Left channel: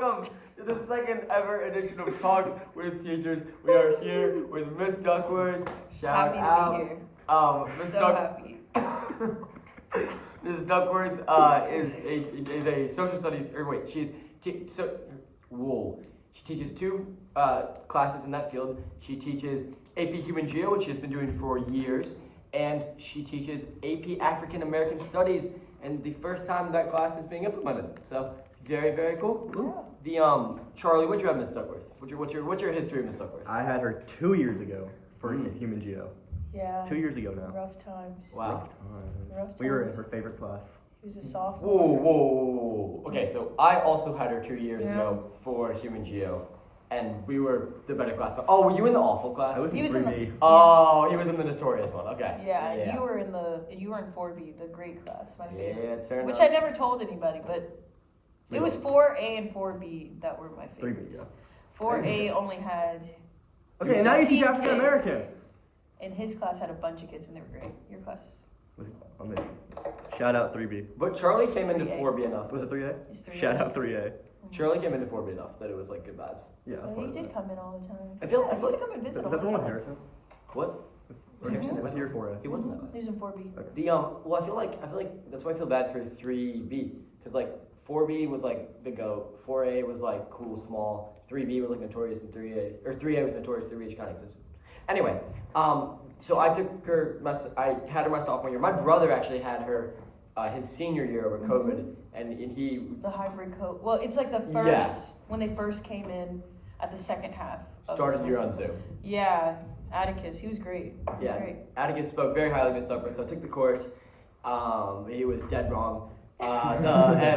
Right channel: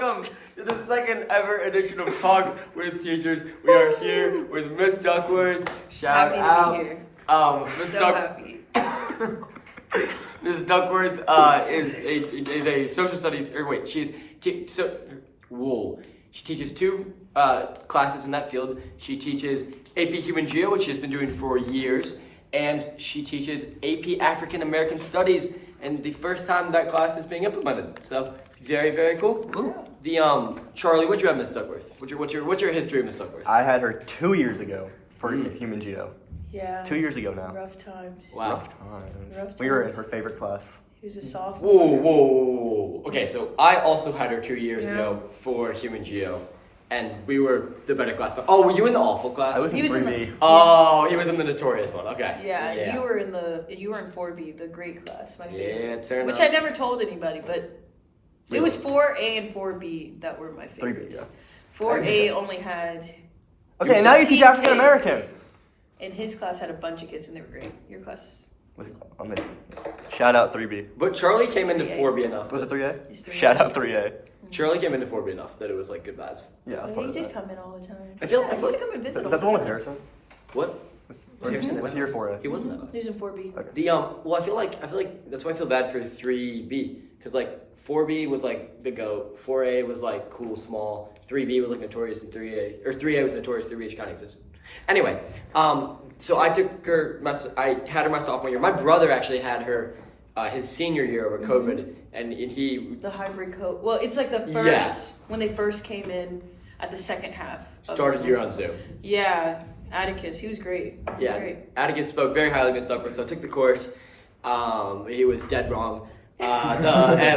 welcome to the second ever edition of Talks with Teachers. We are here with Miss Duckworth. Shout out. To be here. Miss So happy. Miss Duckworth is a social studies, she teaches two classes in that field. She teaches AP Human Geo, which she has been doing for years, and she teaches AP African American Studies, and the first time that class is being implemented. So very, very cool. Yeah. Charlie, what'd you have, Miss Duckworth? What's your history of Miss Duckworth? I had her 2 years ago for Human Geo. Yeah. 2 years ago now. Rough times. Wow. Rough times. We were in her favorite class. He was a sophomore. Whoa. Okay, so I also had her 2 years ago for Human Geo, and we were the better class. But were you in the awful class? I was in 3B. Oh, he was in the notorious one. Okay. Yeah. You were in 4B, the great class, my favorite. Yeah, turn Which up. I never told anybody, but it was 4A and 4B that were my 3B, favorites. yeah. 4A only had. Okay, now you teach African American. And his class had a bunch of kids and they were great. Your class. Shout out 3B. But Charlie came into 4B enough. Was it 3A? He's 3A. Shout out 3A. Charlie came into 4B enough that it was like good vibes. Yeah, that's He part of did that. come in all the time. I feel He like- used to come and visit Is all that the the one with time. Harrison? What? What's year 4A? He wasn't that. He was in 4B. Okay. Well, I feel like that's why I feel bad for 3B, because like 4B was like the GOAT, 4A was like cool, small, 3B was like notorious, and 3A was notorious, 3B kind of existed. Anyway, so I took her. I had her my sophomore year. My brother actually had her his senior year over COVID, and he. The hybrid coat. Well, it's like the first Yeah. when they first came in at the second half. of Started the year semester. on Zoom. Yeah, Atticus. He was great. He was Yeah, great. Atticus spoke very highly of Miss Duckworth, so I took the course. He was dead wrong. And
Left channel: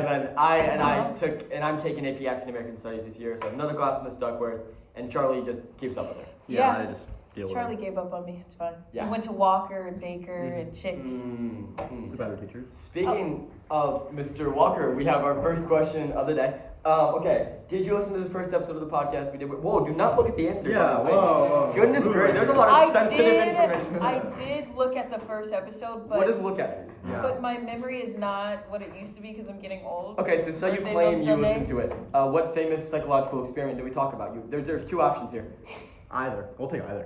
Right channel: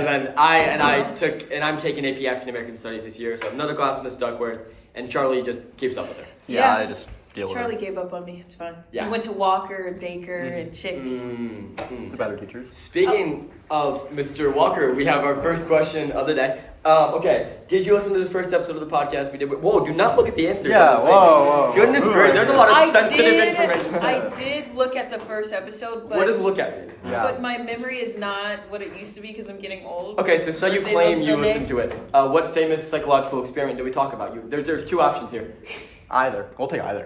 then I'm taking AP African American Studies this year, so I have another class with Miss Duckworth, and Charlie just keeps up with her. Yeah, I just deal with Charlie it. gave up on me. It's fine. Yeah. He went to Walker and Baker and Chick. The better teachers. Speaking of Mr. Walker, we have our first question of the day. Okay, did you listen to the first episode of the podcast we did? Whoa, do not look at the answers Yeah, on this thing. whoa. Goodness gracious, there's a lot of sensitive information. I did look at the first episode, but What does look at mean? Yeah. but my memory is not what it used to be because I'm getting old. Okay, so you Birthdays claim on you Sunday. listened to it. What famous psychological experiment did we talk about? There's two options here. Either. We'll take either.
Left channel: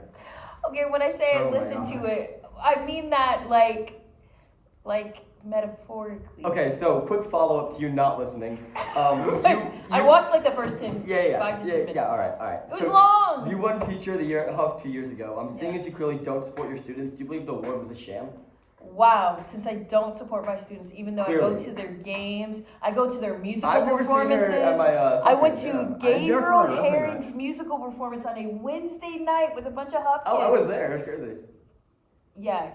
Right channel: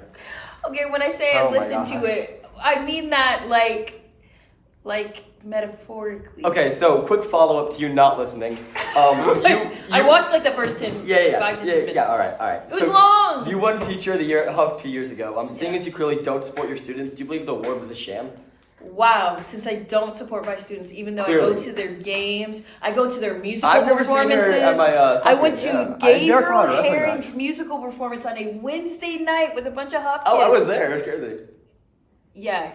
Okay, when I say Oh I my listened God. to it, I mean that like metaphorically. Okay, so quick follow-up to you not listening. I watched like the first 5 to 10 minutes. All right. It was long. You won Teacher of the Year at Huff 2 years ago. Seeing as you clearly don't support your students, do you believe the award was a sham? Wow, since I don't support my students, even though I Clearly. go to their games, I go to their musical I've never seen performances. her at my I went to soccer, yeah. I never Gabriel saw her. That's Herring's musical performance on a Wednesday night with a bunch of Huff kids. Oh, I was there. It was crazy. Yeah,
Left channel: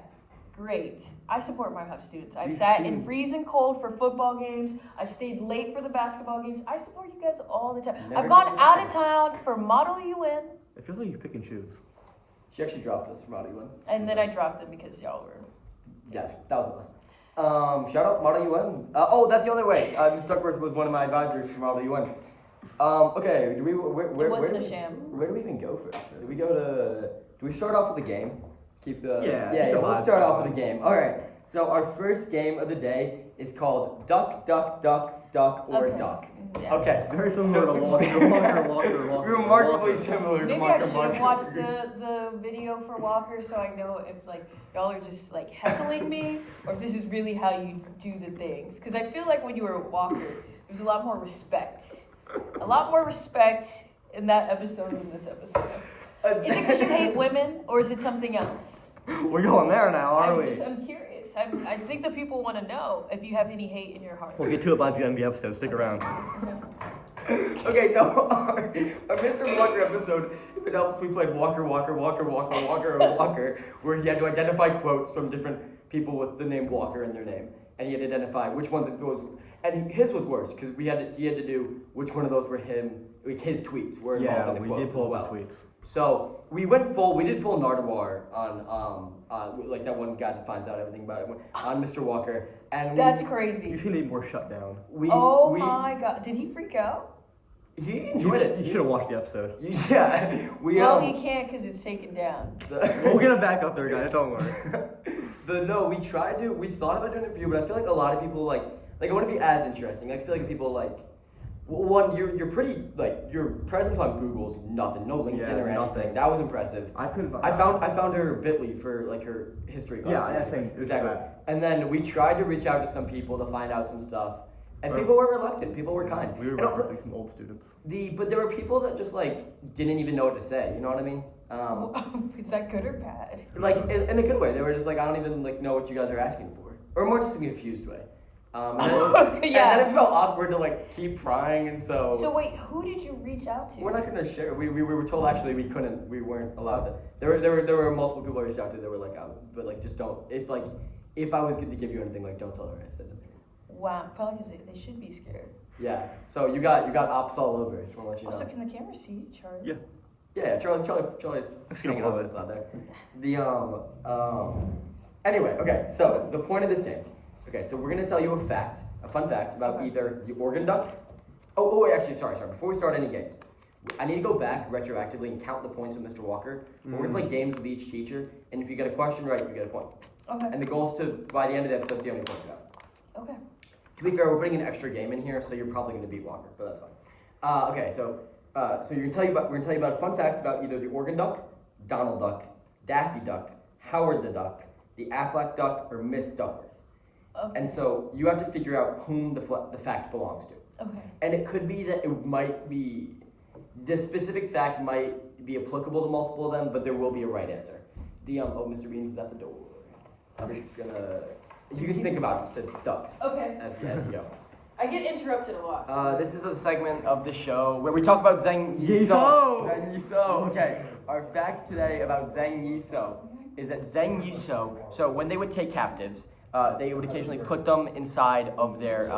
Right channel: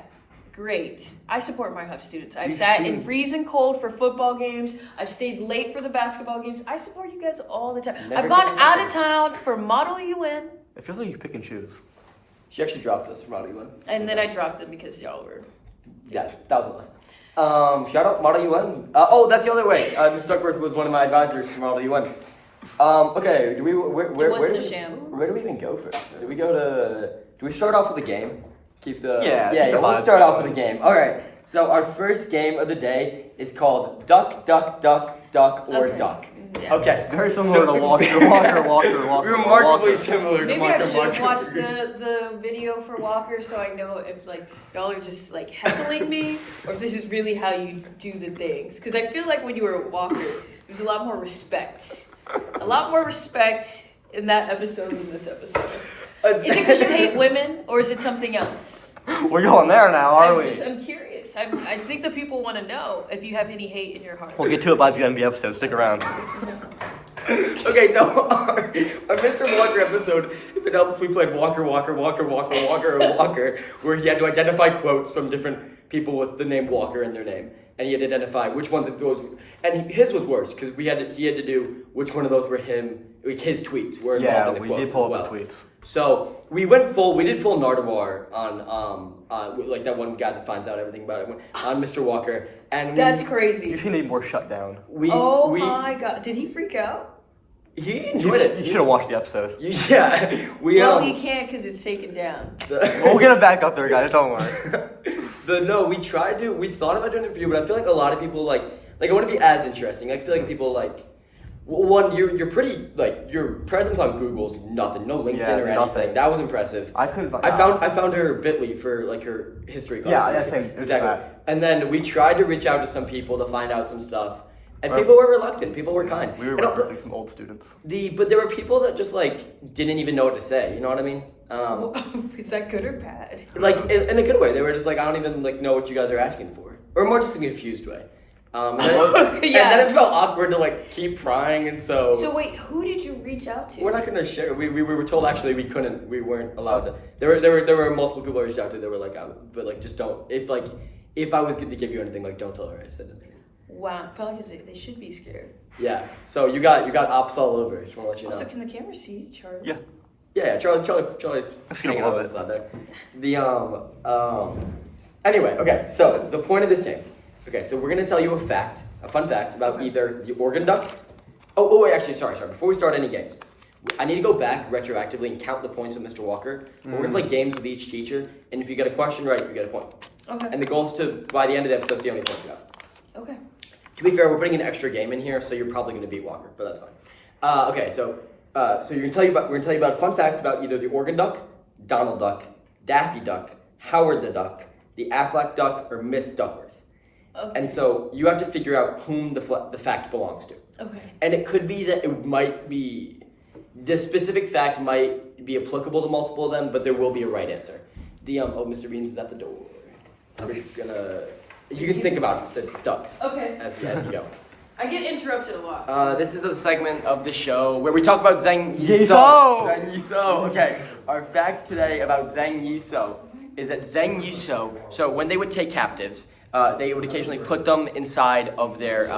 great. I support my Huff students. I've You sat seem- in freezing cold for football games. I've stayed late for the basketball games. I support you guys all the time. Never I've gone given out up. of town for Model UN, It feels like you pick and choose. She actually dropped us from Model UN. and then I dropped them because y'all were. Yeah, that was us. Shout out Model UN. That's the other way. Ms. Duckworth was one of my advisors for Model UN. Okay, where wasn't a sham. Where do we even go first? Do we start off with a game? Yeah, We'll come on. start off with a game. All right. So our first game of the day is called Duck, Duck, Duck, Duck, or Okay. Duck. Yeah. Okay. Very similar to Walker. Remarkably similar to Maybe Walker. I should have watched the video for Walker so I know if like y'all are just like heckling me or if this is really how you do the things. Because I feel like when you were a Walker, there's a lot more respect. A lot more respect in that episode than this episode. Is it because you hate women or is it something else? We're going there now, are we? I'm curious. I think the people want to know if you have any hate in your heart. We'll get to it by the end of the episode. Stick around. Okay, no, our Mr. Walker episode, if it helps, we played Walker, where he had to identify quotes from different people with the name Walker in their name. And he had to identify which ones of those, and his was worse, because he had to do which one of those were his tweets were involved Yeah, in the we quotes did as pull up well. his tweets. So we did full Nardwuar on, like that one guy that finds out everything about it, on Mr. Walker. And That's You crazy. just need more shut down. My god. Did he freak out? He enjoyed it. You should have watched the episode. Yeah, No, he can't because it's taken down. We'll get it back up there, guys. Don't worry. We thought about doing it for you, but I feel like a lot of people like I want to be as interesting. I feel like people Well, one, you're pretty like your presence on Google's nothing, no LinkedIn or anything. Nothing. That was impressive. I couldn't find. I found her Bitly for like her history class. Yeah, same. Exactly. And then we tried to reach out to some people to find out some stuff, and people were reluctant. People were kind. We were And recruiting some old students. but there were people that just like didn't even know what to say. You know what I mean? Is that good or bad? Like in a good way. They were just like, I don't even like know what you guys are asking for, or more just in a confused way. And then it felt awkward to like keep trying, and so. So wait, who did you reach out to? We're not gonna share. We were told actually we weren't allowed to. There were multiple people I reached out to that were like, but like just don't. If I was to give you anything, like don't tell her I said anything. Wow, probably because they should be scared. Yeah. So you got ops all over. Just wanna let you know. Also, can the camera see Charlie? Yeah. Yeah. Charlie's hanging out with us out there. Anyway, okay. So the point of this game. Okay, so we're gonna tell you a fun fact about either the Oregon duck. Oh wait, actually, sorry. Before we start any games, I need to go back retroactively and count the points with Mr. Walker. We're gonna play games with each teacher, and if you get a question right, you get a point. Okay. And the goal is to, by the end of the episode, see how many points you have. Okay. To be fair, we're putting an extra game in here, so you're probably gonna beat Walker, but that's fine. Okay, so we're gonna tell you about a fun fact about either the Oregon duck, Donald Duck, Daffy Duck, Howard the Duck, the Aflac Duck, or Miss Duckworth. Okay. And so you have to figure out whom the fact belongs to. Okay. And it could be that it might be, the specific fact might be applicable to multiple of them, but there will be a right answer. Mr. Beans is at the door. Okay. You can think about the ducks Okay. as you go. I get interrupted a lot. This is a segment of the show where we talk about Zhang Yisou. Yisou! Zhang Yisou. Okay, our fact today about Zhang Yisou is that Zhang Yisou, so when they would take captives, they would occasionally put them inside of their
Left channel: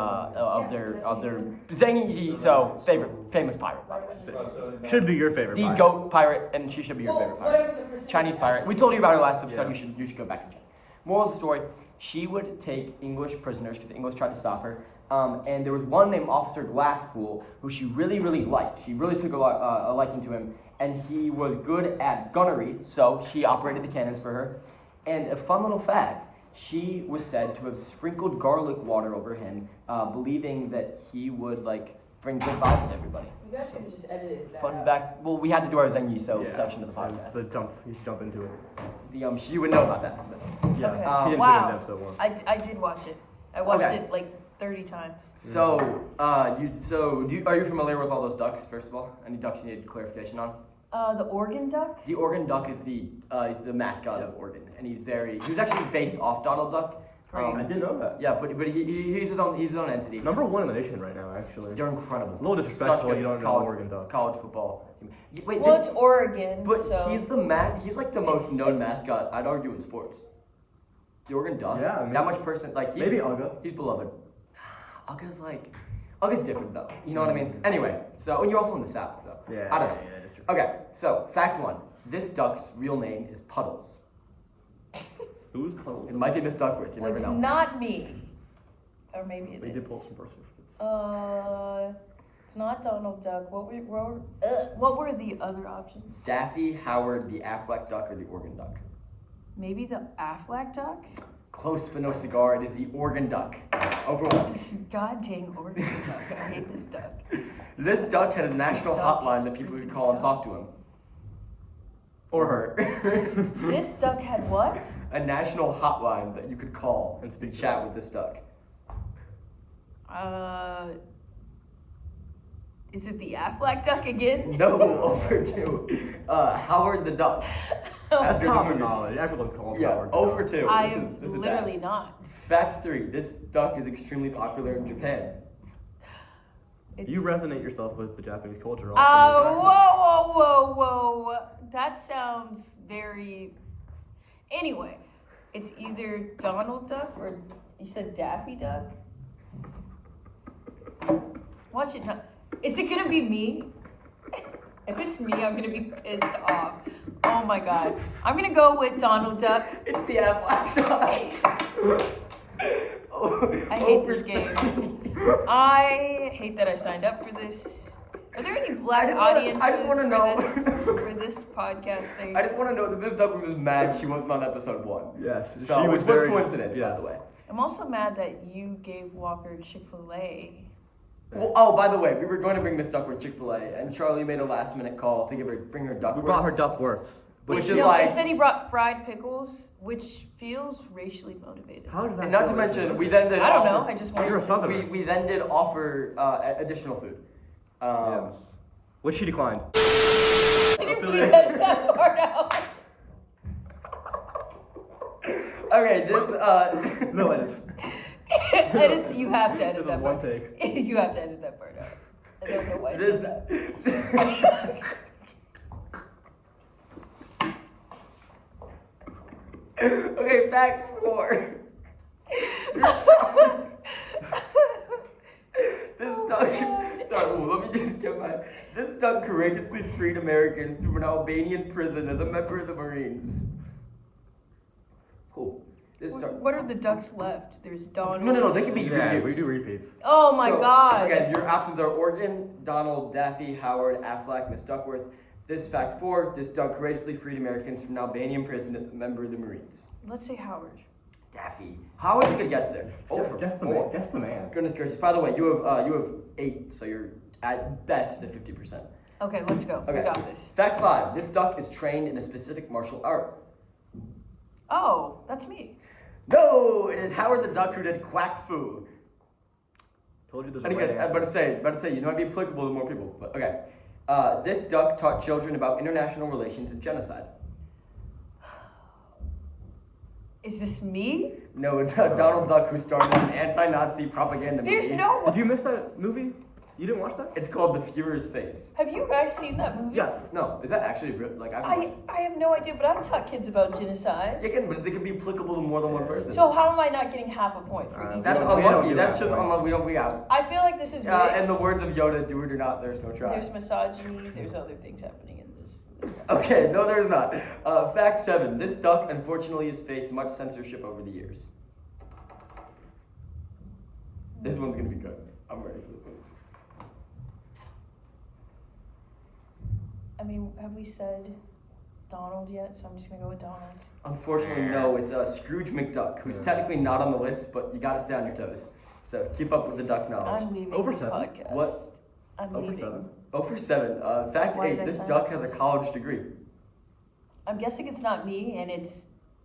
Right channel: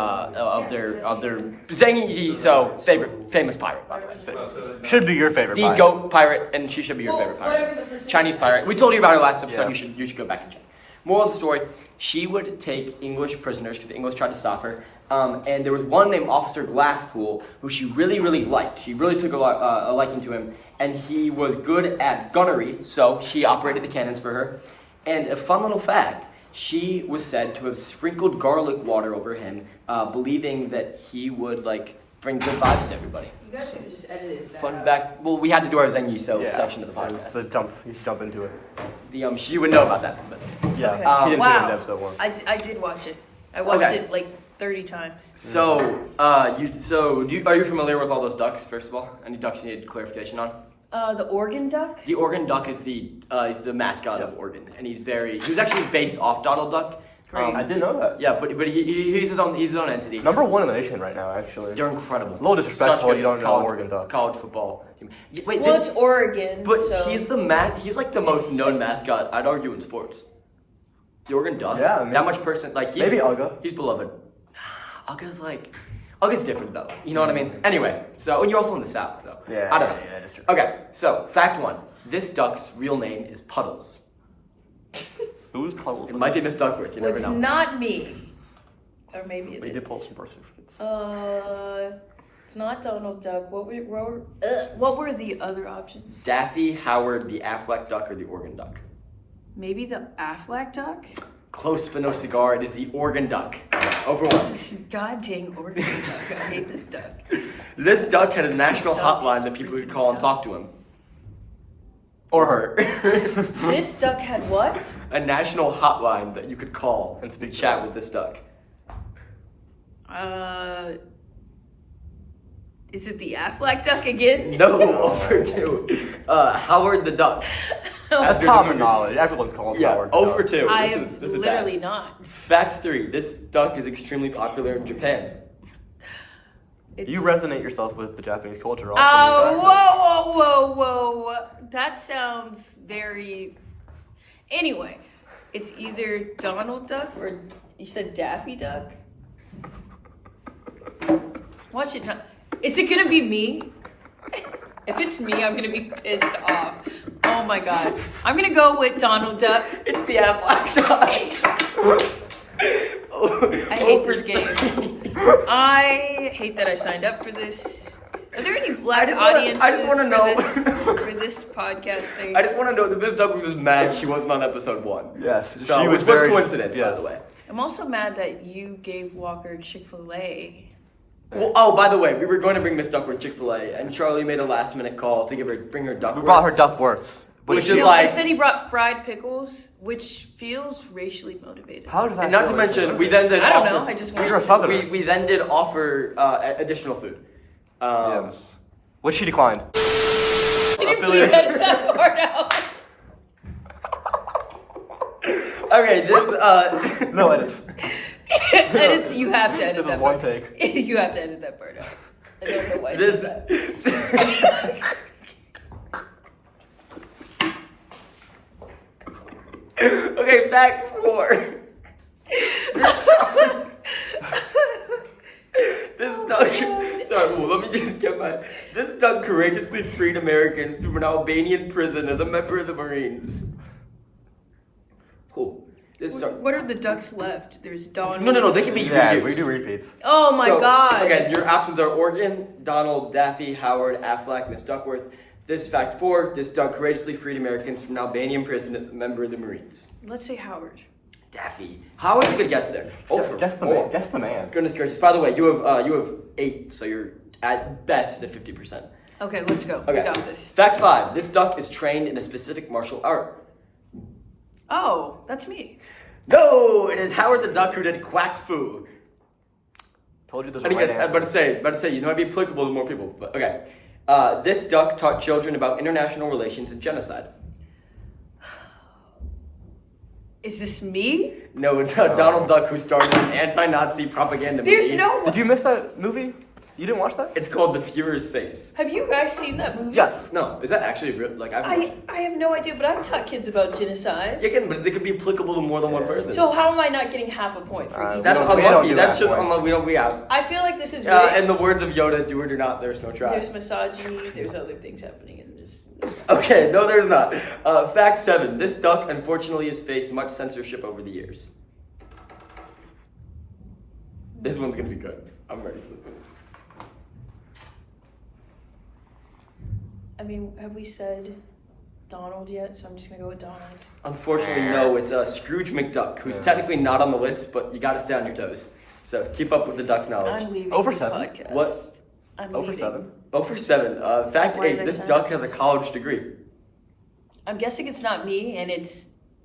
Zhang Yisou, famous pirate, by the way. Should be your favorite. The pirate. goat pirate, and she should be your favorite pirate. Chinese pirate. We told you about her last episode. Yeah. You should go back and check. Moral of the story: she would take English prisoners because the English tried to stop her. And there was one named Officer Glasspool who she really liked. She really took a liking to him, and he was good at gunnery, so she operated the cannons for her. And a fun little fact: she was said to have sprinkled garlic water over him, believing that he would bring good vibes to everybody. You guys should just edit that. Fun fact. Well, we had to do our Zhang Yisou section of the podcast. So you jump into it. She would know about that. But. Yeah. Okay. She didn't Wow. take it in episode 1. I did watch it. I watched Okay. it like 30 times. So, are you familiar with all those ducks? First of all, any ducks you need clarification on? The Oregon duck? The Oregon duck is the mascot of Oregon, and he was actually based off Donald Duck. I didn't know that. Yeah, but he's his own entity. Number 1 in the nation right now, actually. They're incredible. A little disrespectful Such you don't know college, Oregon Ducks. college football. Wait, Well, it's Oregon. but so. he's like the most known mascot, I'd argue, in sports. The Oregon Duck. Yeah, maybe. That much Maybe Uga. He's beloved. Uga's different though. You know what I mean? Anyway, so and you're also in the South, so Yeah. I don't know. Yeah, that's true. Okay, so fact 1. This duck's real name is Puddles. Who's Puddles? It might be Miss Duckworth, you Well, never it's know. not me. Or maybe it We is. did pull some birth certificates. It's not Donald Duck. What were the other options? Daffy, Howard, the Aflac Duck, or the Oregon Duck? Maybe the Aflac duck? Close but no cigar. It is the Oregon Duck. Over 1. This is god dang Oregon duck. I hate this duck. This duck had a national Ducks hotline that people could call and talk to him. Or her. This duck had what? A national hotline that you could call and speak chat with this duck. Is it the Aflac duck again? No, over 2. Howard the Duck. That's After common the- knowledge. Everyone's calling Yeah, Howard. over 2. I This am is literally bad. not. Fact 3. This duck is extremely popular in Japan. It's... You resonate yourself with the Japanese culture. Whoa. That sounds very... Anyway, it's either Donald Duck or you said Daffy Duck? Watch it. Is it gonna be me? If it's me, I'm gonna be pissed off. Oh my god. I'm gonna go with Donald Duck. It's the Aflac Duck. I hate this game. I hate that I signed up for this. Are there any black audiences I just wanna know. for this podcast thing? I just want to know that Miss Duckworth was mad she wasn't on episode 1. Yes. So, she which was very- coincidence, by yes. the way. I'm also mad that you gave Walker Chick-fil-A. Well, oh, by the way, we were going to bring Miss Duckworth Chick-fil-A, and Charlie made a last-minute call to bring her Duckworth. We brought her Duckworths. Which is No, like. I said he brought fried pickles, which feels racially motivated. How does that? And not to feel mention, like we then did I don't offer. know. I just We were wanted Southern. We then did offer additional food. Yes. Which she declined. Can you please edit that part out? Okay, this No edits. You have to edit This is that one part. take. You have to edit that part out. I don't know why. I this. said that. Okay, back 4. This duck. Sorry, well, let me just get my. This duck courageously freed Americans from an Albanian prison as a member of the Marines. Cool. This duck. What are the ducks left? There's Donald. No, they can be Yeah, reused. we do repeats. Oh my So, god. Again, your options are Oregon, Donald, Daffy, Howard, Affleck, Miss Duckworth. This fact 4, this duck courageously freed Americans from an Albanian prison as a member of the Marines. Let's say Howard. Daffy. Howard's a good guess there. Oh, for Guess the 4. man. Guess the man. Goodness gracious. By the way, you have 8, so you're at best at 50%. Okay, let's go. Okay. We got this. Fact 5, this duck is trained in a specific martial art. Oh, that's me. No, it is Howard the Duck who did quack fu. Told you there's And a right again, I was about to say, you know, it'd be applicable to more people. But okay. This duck taught children about international relations and genocide. Is this me? No, it's Donald Duck who started an anti-Nazi propaganda movie. There's no. Did you miss that movie? You didn't watch that? It's called The Führer's Face. Have you guys seen that movie? Yes. No, is that actually real? Like I've watched it. I have no idea, but I've taught kids about genocide. Yeah, again, but it could be applicable to more than one person. So how am I not getting half a point for each? That's We don't unlucky. do That's that just twice. unlucky. We don't. We have. I feel like this is rigged. In the words of Yoda, do it or not. There's no try. There's misogyny. There's other things happening in this. Okay, no, there's not. Fact 7. This duck, unfortunately, has faced much censorship over the years. This one's gonna be good. I'm ready for this one. I mean, have we said Donald yet? So I'm just gonna go with Donald. Unfortunately, no. It's Scrooge McDuck, who's technically not on the list, but you gotta stay on your toes. So keep up with the duck knowledge. I'm leaving Over this 7. podcast. What? I'm Over leaving. 7. Oh, for 7. Fact Why 8. did I This say duck that? has a college degree. I'm guessing it's not me, and it's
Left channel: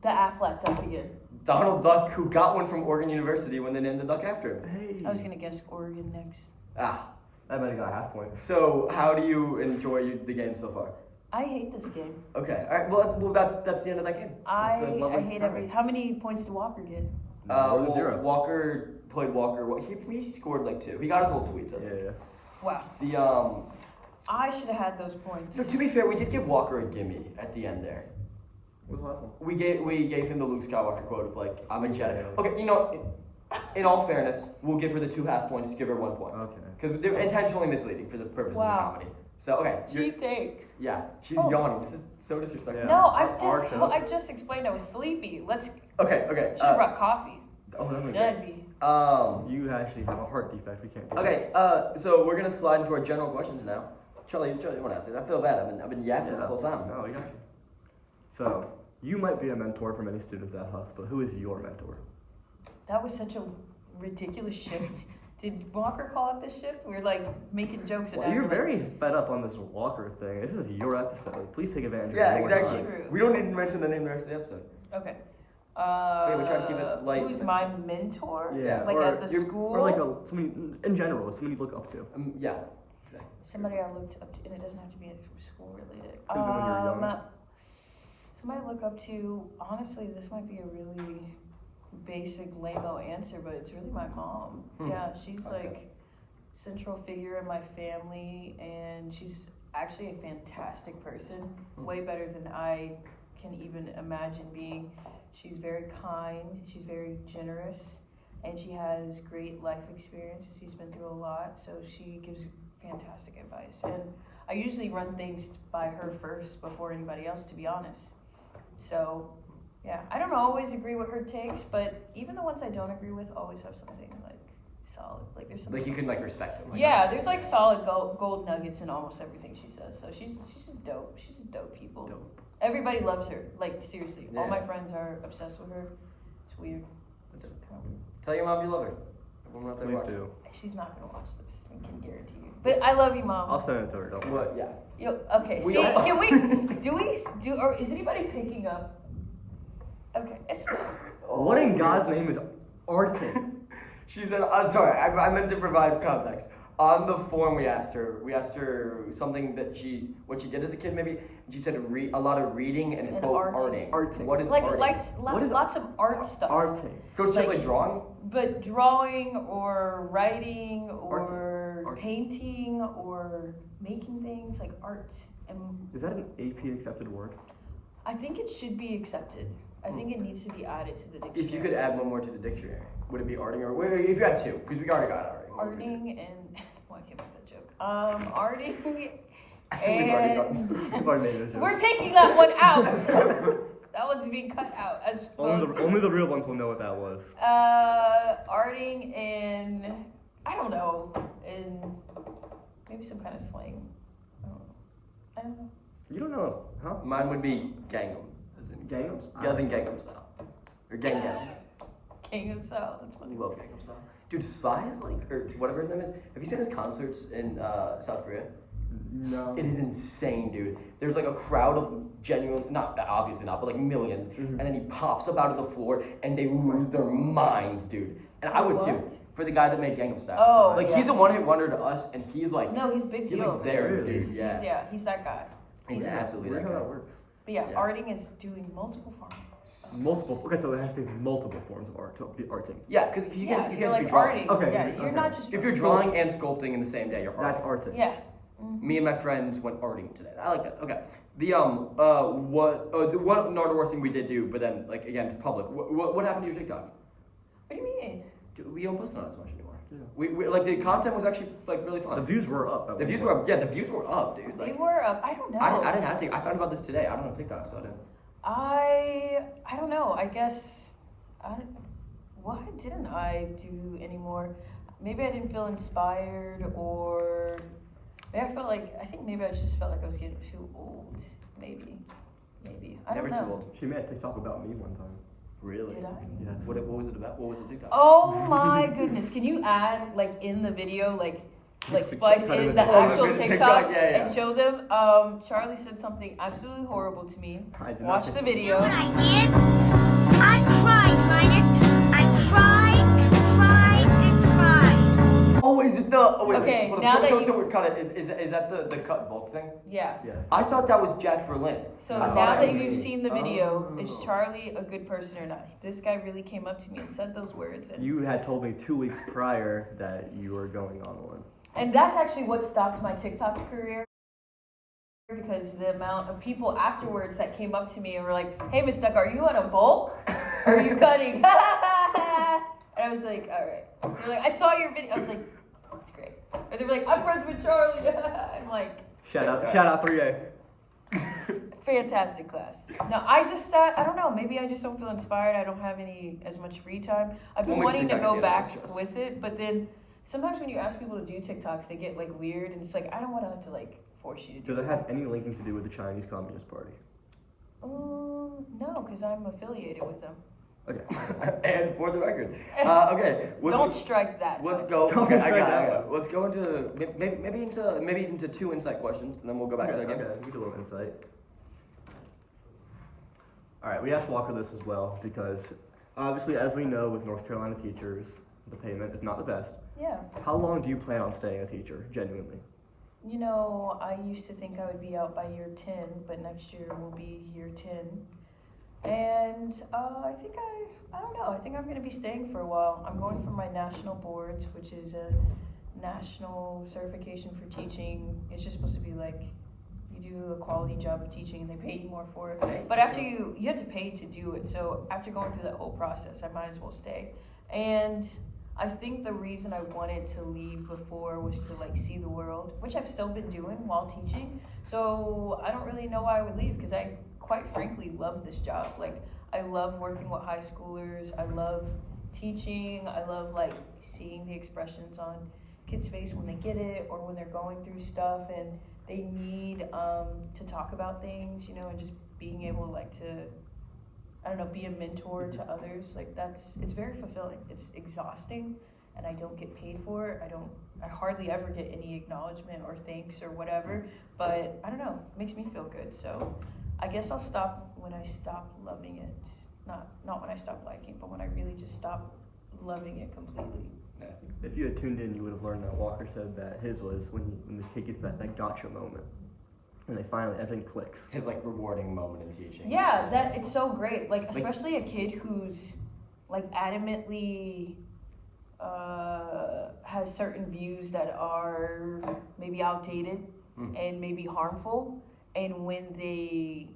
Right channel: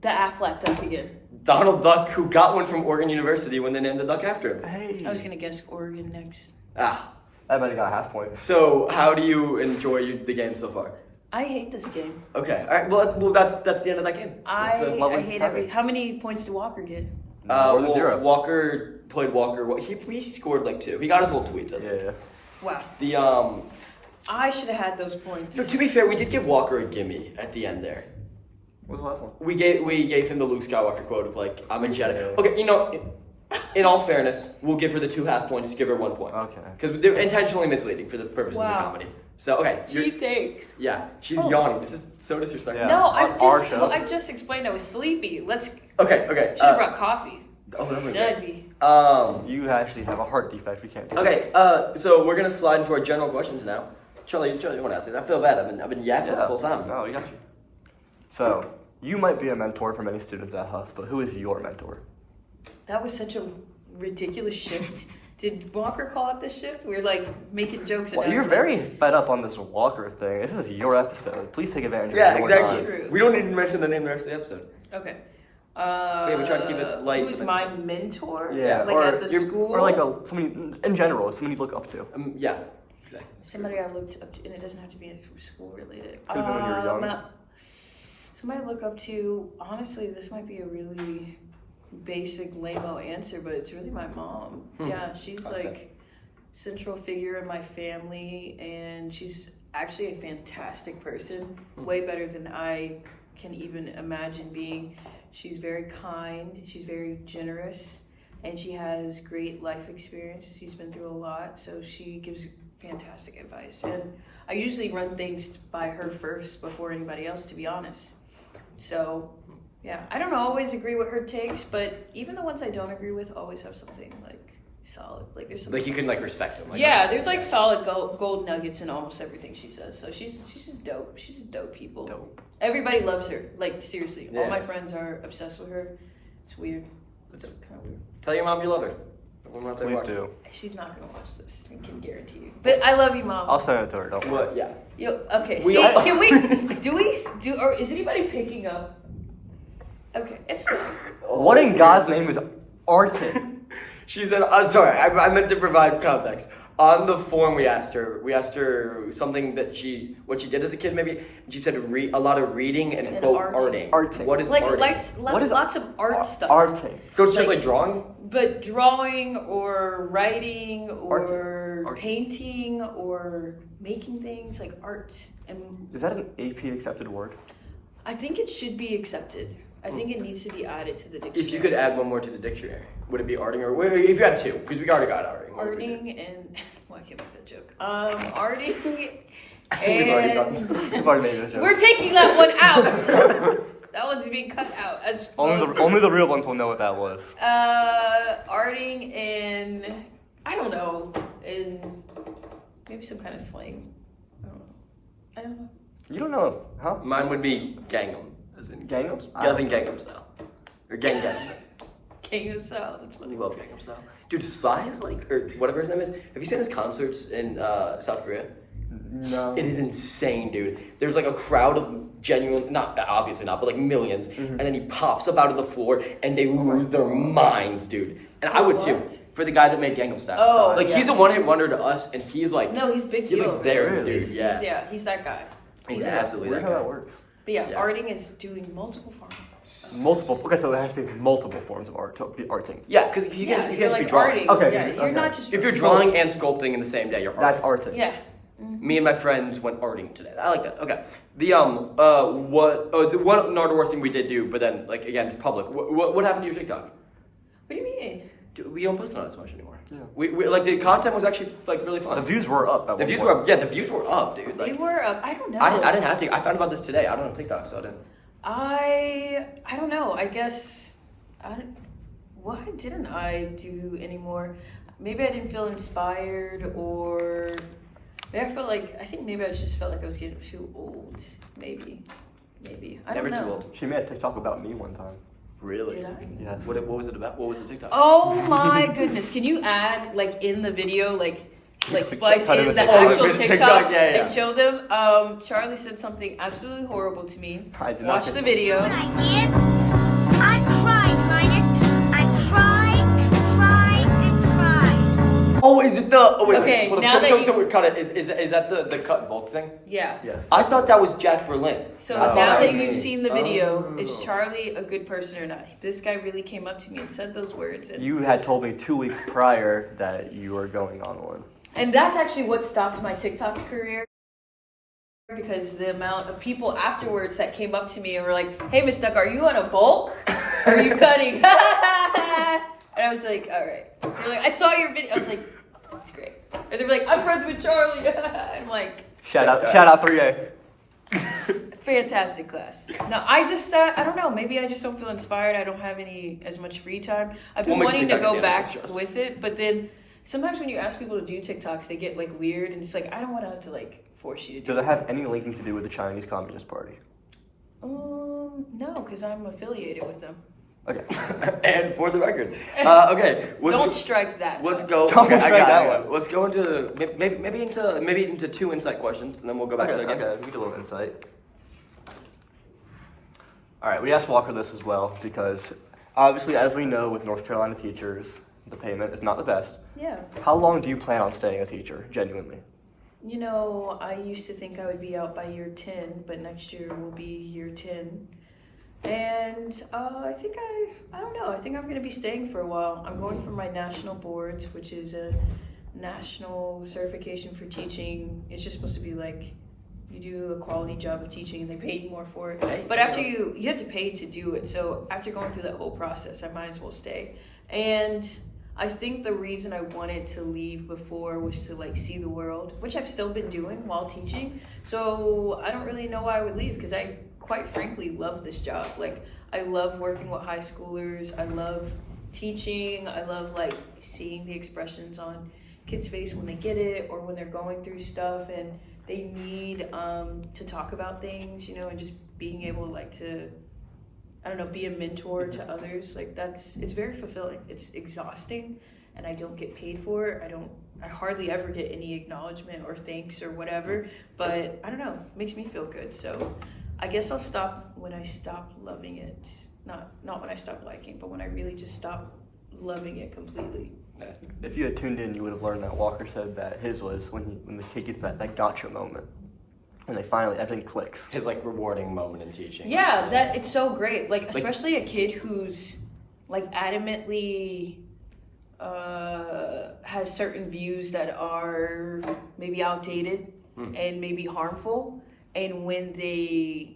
the Affleck duck again. Donald Duck, who got one from Oregon University when they named the duck after him. Hey. I was gonna guess Oregon next. Ah. I might have got a half point. So, how do you enjoy the game so far? I hate this game. Okay. All right. Well, that's the end of that game. I That's the- I hate every. How many points did Walker get? More than 0. Walker played Walker. He scored like 2. He got his whole tweets. I think. Yeah. Wow. The I should have had those points. So to be fair, we did give Walker a gimme at the end there. What was the last one? We gave him the Luke Skywalker quote of like, I'm a Jedi. Okay, you know, in all fairness, we'll give her the 2 half points, give her 1 point. Okay. Because they're intentionally misleading for the purposes of Wow. comedy. So okay, Gee, thanks. yeah, she's Oh. yawning. This is so disrespectful. Yeah. No, Our show. I just explained I was sleepy. Let's. Okay. Should have brought coffee. Oh, that would be That'd great. be. You actually have a heart defect. We can't do Okay, so we're gonna slide into our general questions now. Charlie, you want to ask it? I feel bad. I've been yapping this whole time. No, we got you. So, you might be a mentor for many students at Huff, but who is your mentor? That was such a ridiculous shift. Did Walker call it this shift? We were like making jokes. and Well, you're everything. very fed up on this Walker thing. This is your episode. Please take advantage Yeah, of your exactly. time. True. We don't need to mention the name of the rest of the episode. Okay. we try to keep it light, Who's but- my mentor? Yeah, Like or at the you're- school. Or like somebody in general, somebody you look up to. Yeah, exactly. Somebody I looked up to, and it doesn't have to be school related. Could've been when you were young. Somebody I look up to. Honestly, this might be a really basic lame-o answer, but it's really my mom. Yeah, she's Okay. like central figure in my family, and she's actually a fantastic person. Way better than I can even imagine being. She's very kind. She's very generous. And she has great life experience. She's been through a lot, so she gives fantastic advice. And I usually run things by her first before anybody else, to be honest. So, yeah, I don't always agree with her takes, but even the ones I don't agree with always have something like solid. Like there's some. Like you can like respect him. Like, Yeah, obviously. there's like solid gold nuggets in almost everything she says. So she's just dope. She's a dope people. Dope. Everybody loves her. Like seriously, all Yeah. my friends are obsessed with her. It's weird. It's kind of weird. Tell your mom you love her. when we're out there Please watching. do. She's not gonna watch this. I can guarantee you. But I love you, Mom. I'll send it to her. Don't worry. What? Yeah. Yo, okay. We See, all- can we or is anybody picking up? Okay, it's fine. What in God's name is Artin? She said, I'm sorry, I meant to provide context. On the form we asked her something what she did as a kid maybe, and she said a lot of reading and quote arting. Arting. What is Like arting? lots of art stuff. Arting. So it's just like- like drawing? But drawing or writing or Art. painting or making things like art. And Is that an AP accepted word? I think it should be accepted. I think it needs to be added to the dictionary. If you could add one more to the dictionary, would it be arting or if you had two? Because we already got arting. What would we do? Arting and well, I can't make that joke. Arting We've already got- and We've already made this joke. we're taking that one out. That one's being cut out as well as this. Only the real ones will know what that was. Arting and I don't know, in maybe some kind of slang. I don't know. You don't know, huh? Mine would be Gangnam. As in Gangnam? As in Gangnam Style. Or Gangnam. Gangnam Style. That's I funny. love Gangnam Style. Dude, Spy is like, or whatever his name is. Have you seen his concerts in South Korea? No. It is insane, dude. There's like a crowd of genuine, not obviously not, but like millions, and then he pops up out of the floor, and they lose their minds, dude. And I would too, What? for the guy that made Gangnam Style. Oh, like yeah. he's a one-hit wonder to us, and he's like, No, he's big he's deal. like there, Really? dude. Yeah, Yeah, he's that guy. he's he's absolutely Weird that how guy. that works. But yeah, Yeah. arting is doing multiple forms. Multiple. Okay, so there has to be multiple forms of art to be arting. Yeah, because you Yeah, can't you're just like be drawing. arting. Okay, Yeah, you're okay. not just. If you're drawing and sculpting in the same day, you're That's arting. arting. Yeah. Me and my friends went arting today. I like that. Okay. The the one Nardwar thing we did do, but then like again, it's public. What happened to your TikTok? What do you mean? Dude, we don't post on it as much anymore. Yeah. We like the content was actually like really The fun. views were up. At The one views point. were up. Yeah, the views were up, dude. They Like were I don't know. I didn't have to. I found about this today. I don't have TikTok, so I didn't. I don't know. I guess why didn't I do anymore? Maybe I didn't feel inspired, or maybe I think maybe I just felt like I was getting too old. Maybe. I Never don't know. too old. She made a TikTok about me one time. Really? Did I? Yes. What was it about? What was the TikTok? Oh my goodness! Can you add like in the video like splice Cut in in the the- Oh, actual the TikTok, TikTok, yeah. and show them? Charlie said something absolutely horrible to me. I did not Watch get the that. video. You know what I did? I cried, Linus. I cried and cried and cried. Oh, is it the? Oh wait. Okay, wait, hold now up. that So, you- so we cut it. Is that the cut and bulk thing? Yeah. Yes. I thought that was Jack Berlin. So No, now that that was you've me. seen the video, Oh. is Charlie a good person or not? This guy really came up to me and said those words, and You had told me 2 weeks prior that you were going on one. that's actually what stopped my TikTok career. Because the amount of people afterwards that came up to me and were like, "Hey, Miss Duck, are you on a bulk? Are you cutting?" And I was like, "All right." They're like, "I saw your video." I was like, "It's great." And they were like, "I'm friends with Charlie." I'm like, Shout out 3A. fantastic class. No, I just, I don't know. Maybe I just don't feel inspired. I don't have as much free time. I've been We'll make wanting to TikTok go again, I back trust. with it, but then sometimes when you ask people to do TikToks, they get like weird, and it's like I don't want to have to like force you to do. Does it have any linking to do with the Chinese Communist Party? No, because I'm affiliated with them. Okay. And for the record, okay. Don't strike that. Let's though. go. Don't Okay, I strike got that it. one. Let's go into maybe into 2 insight questions, and then we'll go back Okay, to it again. okay, we get a little insight. Alright, we asked Walker this as well because obviously, as we know with North Carolina teachers, the payment is not the best. Yeah. How long do you plan on staying a teacher, genuinely? You know, I used to think I would be out by year 10, but next year will be year 10. And I think I don't know, I think I'm going to be staying for a while. I'm going for my national boards, which is a national certification for teaching. It's just supposed to be like you do a quality job of teaching and they pay you more for it. Hey, But after you have to pay to do it. So after going through that whole process, I might as well stay. And I think the reason I wanted to leave before was to like see the world, which I've still been doing while teaching. So I don't really know why I would leave because I quite frankly love this job. Like I love working with high schoolers. I love teaching. I love like seeing the expressions on kids' face when they get it or when they're going through stuff and they need to talk about things, you know, and just being able like to, I don't know, be a mentor to others. Like it's very fulfilling. It's exhausting and I don't get paid for it. I hardly ever get any acknowledgement or thanks or whatever, but I don't know, it makes me feel good. So I guess I'll stop when I stop loving it. Not when I stop liking, but when I really just stop loving it completely. If you had tuned in, you would have learned that Walker said that his was when the kid gets that gotcha moment, and they finally everything clicks. His like rewarding moment in teaching. Yeah, that it's so great. Like especially a kid who's like adamantly has certain views that are maybe outdated and maybe harmful, and when they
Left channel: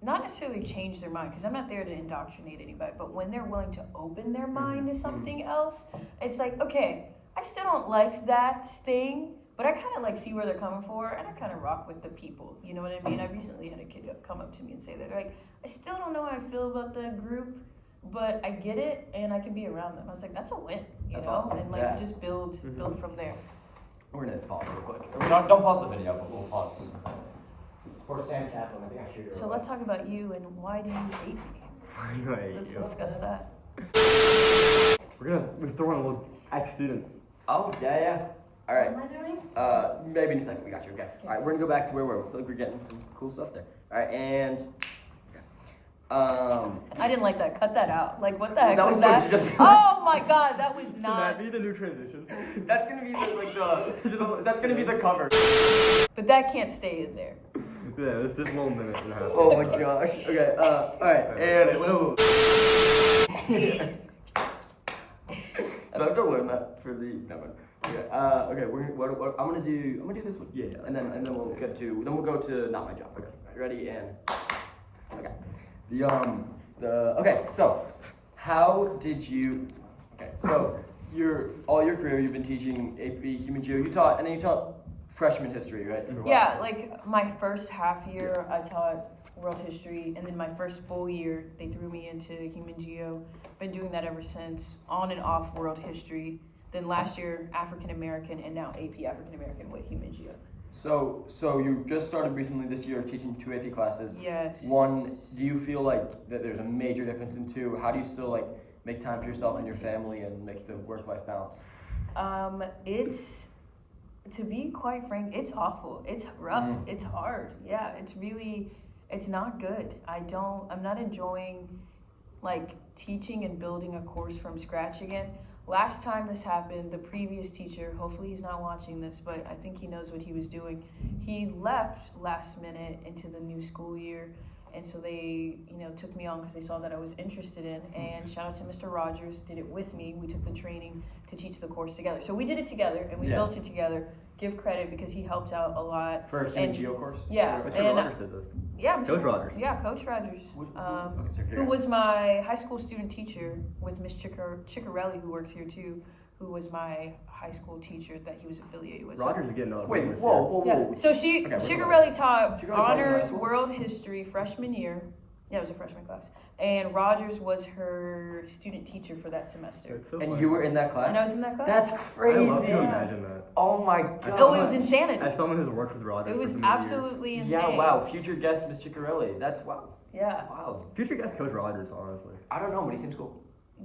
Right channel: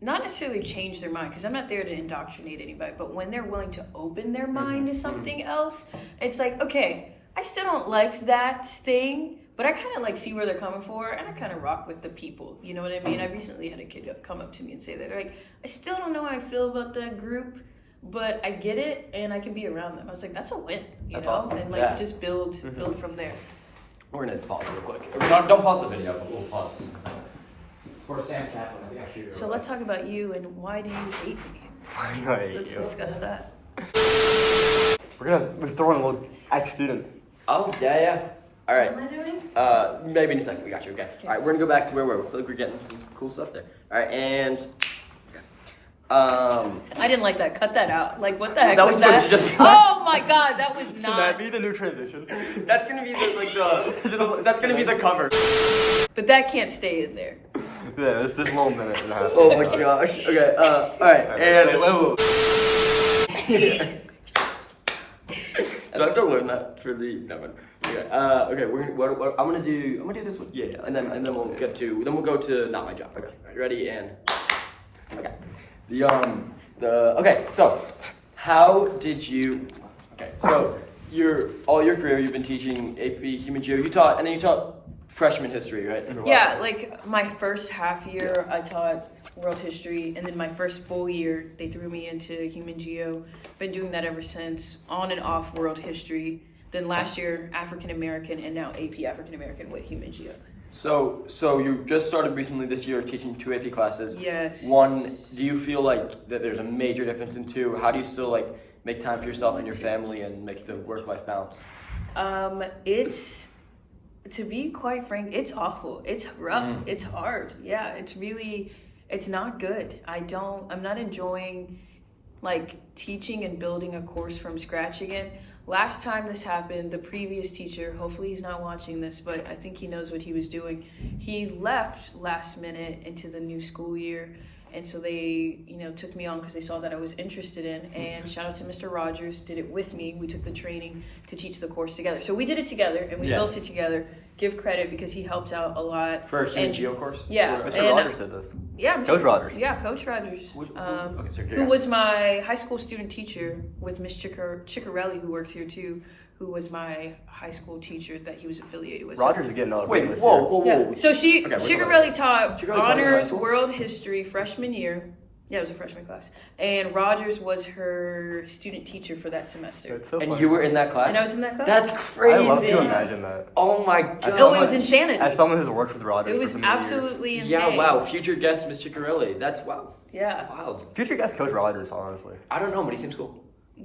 not necessarily change their mind, because I'm not there to indoctrinate anybody, but when they're willing to open their mind to something else, it's like, okay, I still don't like that thing, but I kind of like see where they're coming from, and I kind of rock with the people, you know what I mean? I recently had a kid come up to me and say that, like, I still don't know how I feel about that group, but I get it, and I can be around them. I was like, that's a win, you That's know? awesome. And like, Yeah. just build from there. We're gonna pause real quick. Don't pause the video, but we'll pause. For Sam Kaplan, I think I should. So let's talk about you, and why do you hate me? Let's discuss that. We're throwing a little ex-student. Oh, yeah. All right. What am I doing? Maybe in a second. We got you. Okay. All right. We're gonna go back to where we were. I feel like we're getting some cool stuff there. All right. And. I didn't like that. Cut that out. Like, what the heck That was was that? supposed to just be Oh my god, that was Can not. that be the new transition? That's gonna be that's gonna be the cover. But that can't stay in there. Yeah, it's just a little minute and a half. Oh my gosh. Okay. All right. And. Do I have to learn that for the? No. Okay. Okay. What I'm gonna do this one. Yeah. And then we'll go to not my job. Okay. You ready? And. Okay. Okay. So, how did you? Okay. So, all your career you've been teaching AP Human Geo. You taught freshman history, right? For a while. Yeah, like my first half year I taught world history, and then my first full year they threw me into human geo. Been doing that ever since, on and off world history. Then last year African American, and now AP African American with human geo. So you just started recently this year teaching 2 AP classes. Yes. One, do you feel like that there's a major difference in 2? How do you still like make time for yourself and your family and make the work-life balance? It's, to be quite frank, it's awful. It's rough. It's hard. Yeah, it's not good. I'm not enjoying like teaching and building a course from scratch again. Last time this happened, the previous teacher, hopefully he's not watching this, but I think he knows what he was doing. He left last minute into the new school year, and so they, took me on because they saw that I was interested in, and shout out to Mr. Rogers, did it with me. We took the training to teach the course together. So we did it together, and we built it together. Give credit because he helped out a lot. For a human geo course? Yeah. Mr. Rogers did this. Yeah, Coach Rogers. Yeah, Coach Rogers. Okay, Who was my high school student teacher with Miss Ciccarelli, who works here too, who was my high school teacher that he was affiliated with. Rogers is getting out of Wait, this whoa. Yeah. So Ciccarelli taught Ciccarelli taught in high honors school? world history freshman year. Yeah, it was a freshman class. And Rogers was her student teacher for that semester. It's so And funny. you were in that class? And I was in that class. That's crazy. I love to imagine that. Oh my god. Oh, it was insanity. As someone who's worked with Rogers, It was for so many absolutely insane. Yeah, wow. Future guest Miss Ciccarelli. That's wow. Yeah. Wild. years. Future guest Coach Rogers, honestly. I don't know, but he seems cool.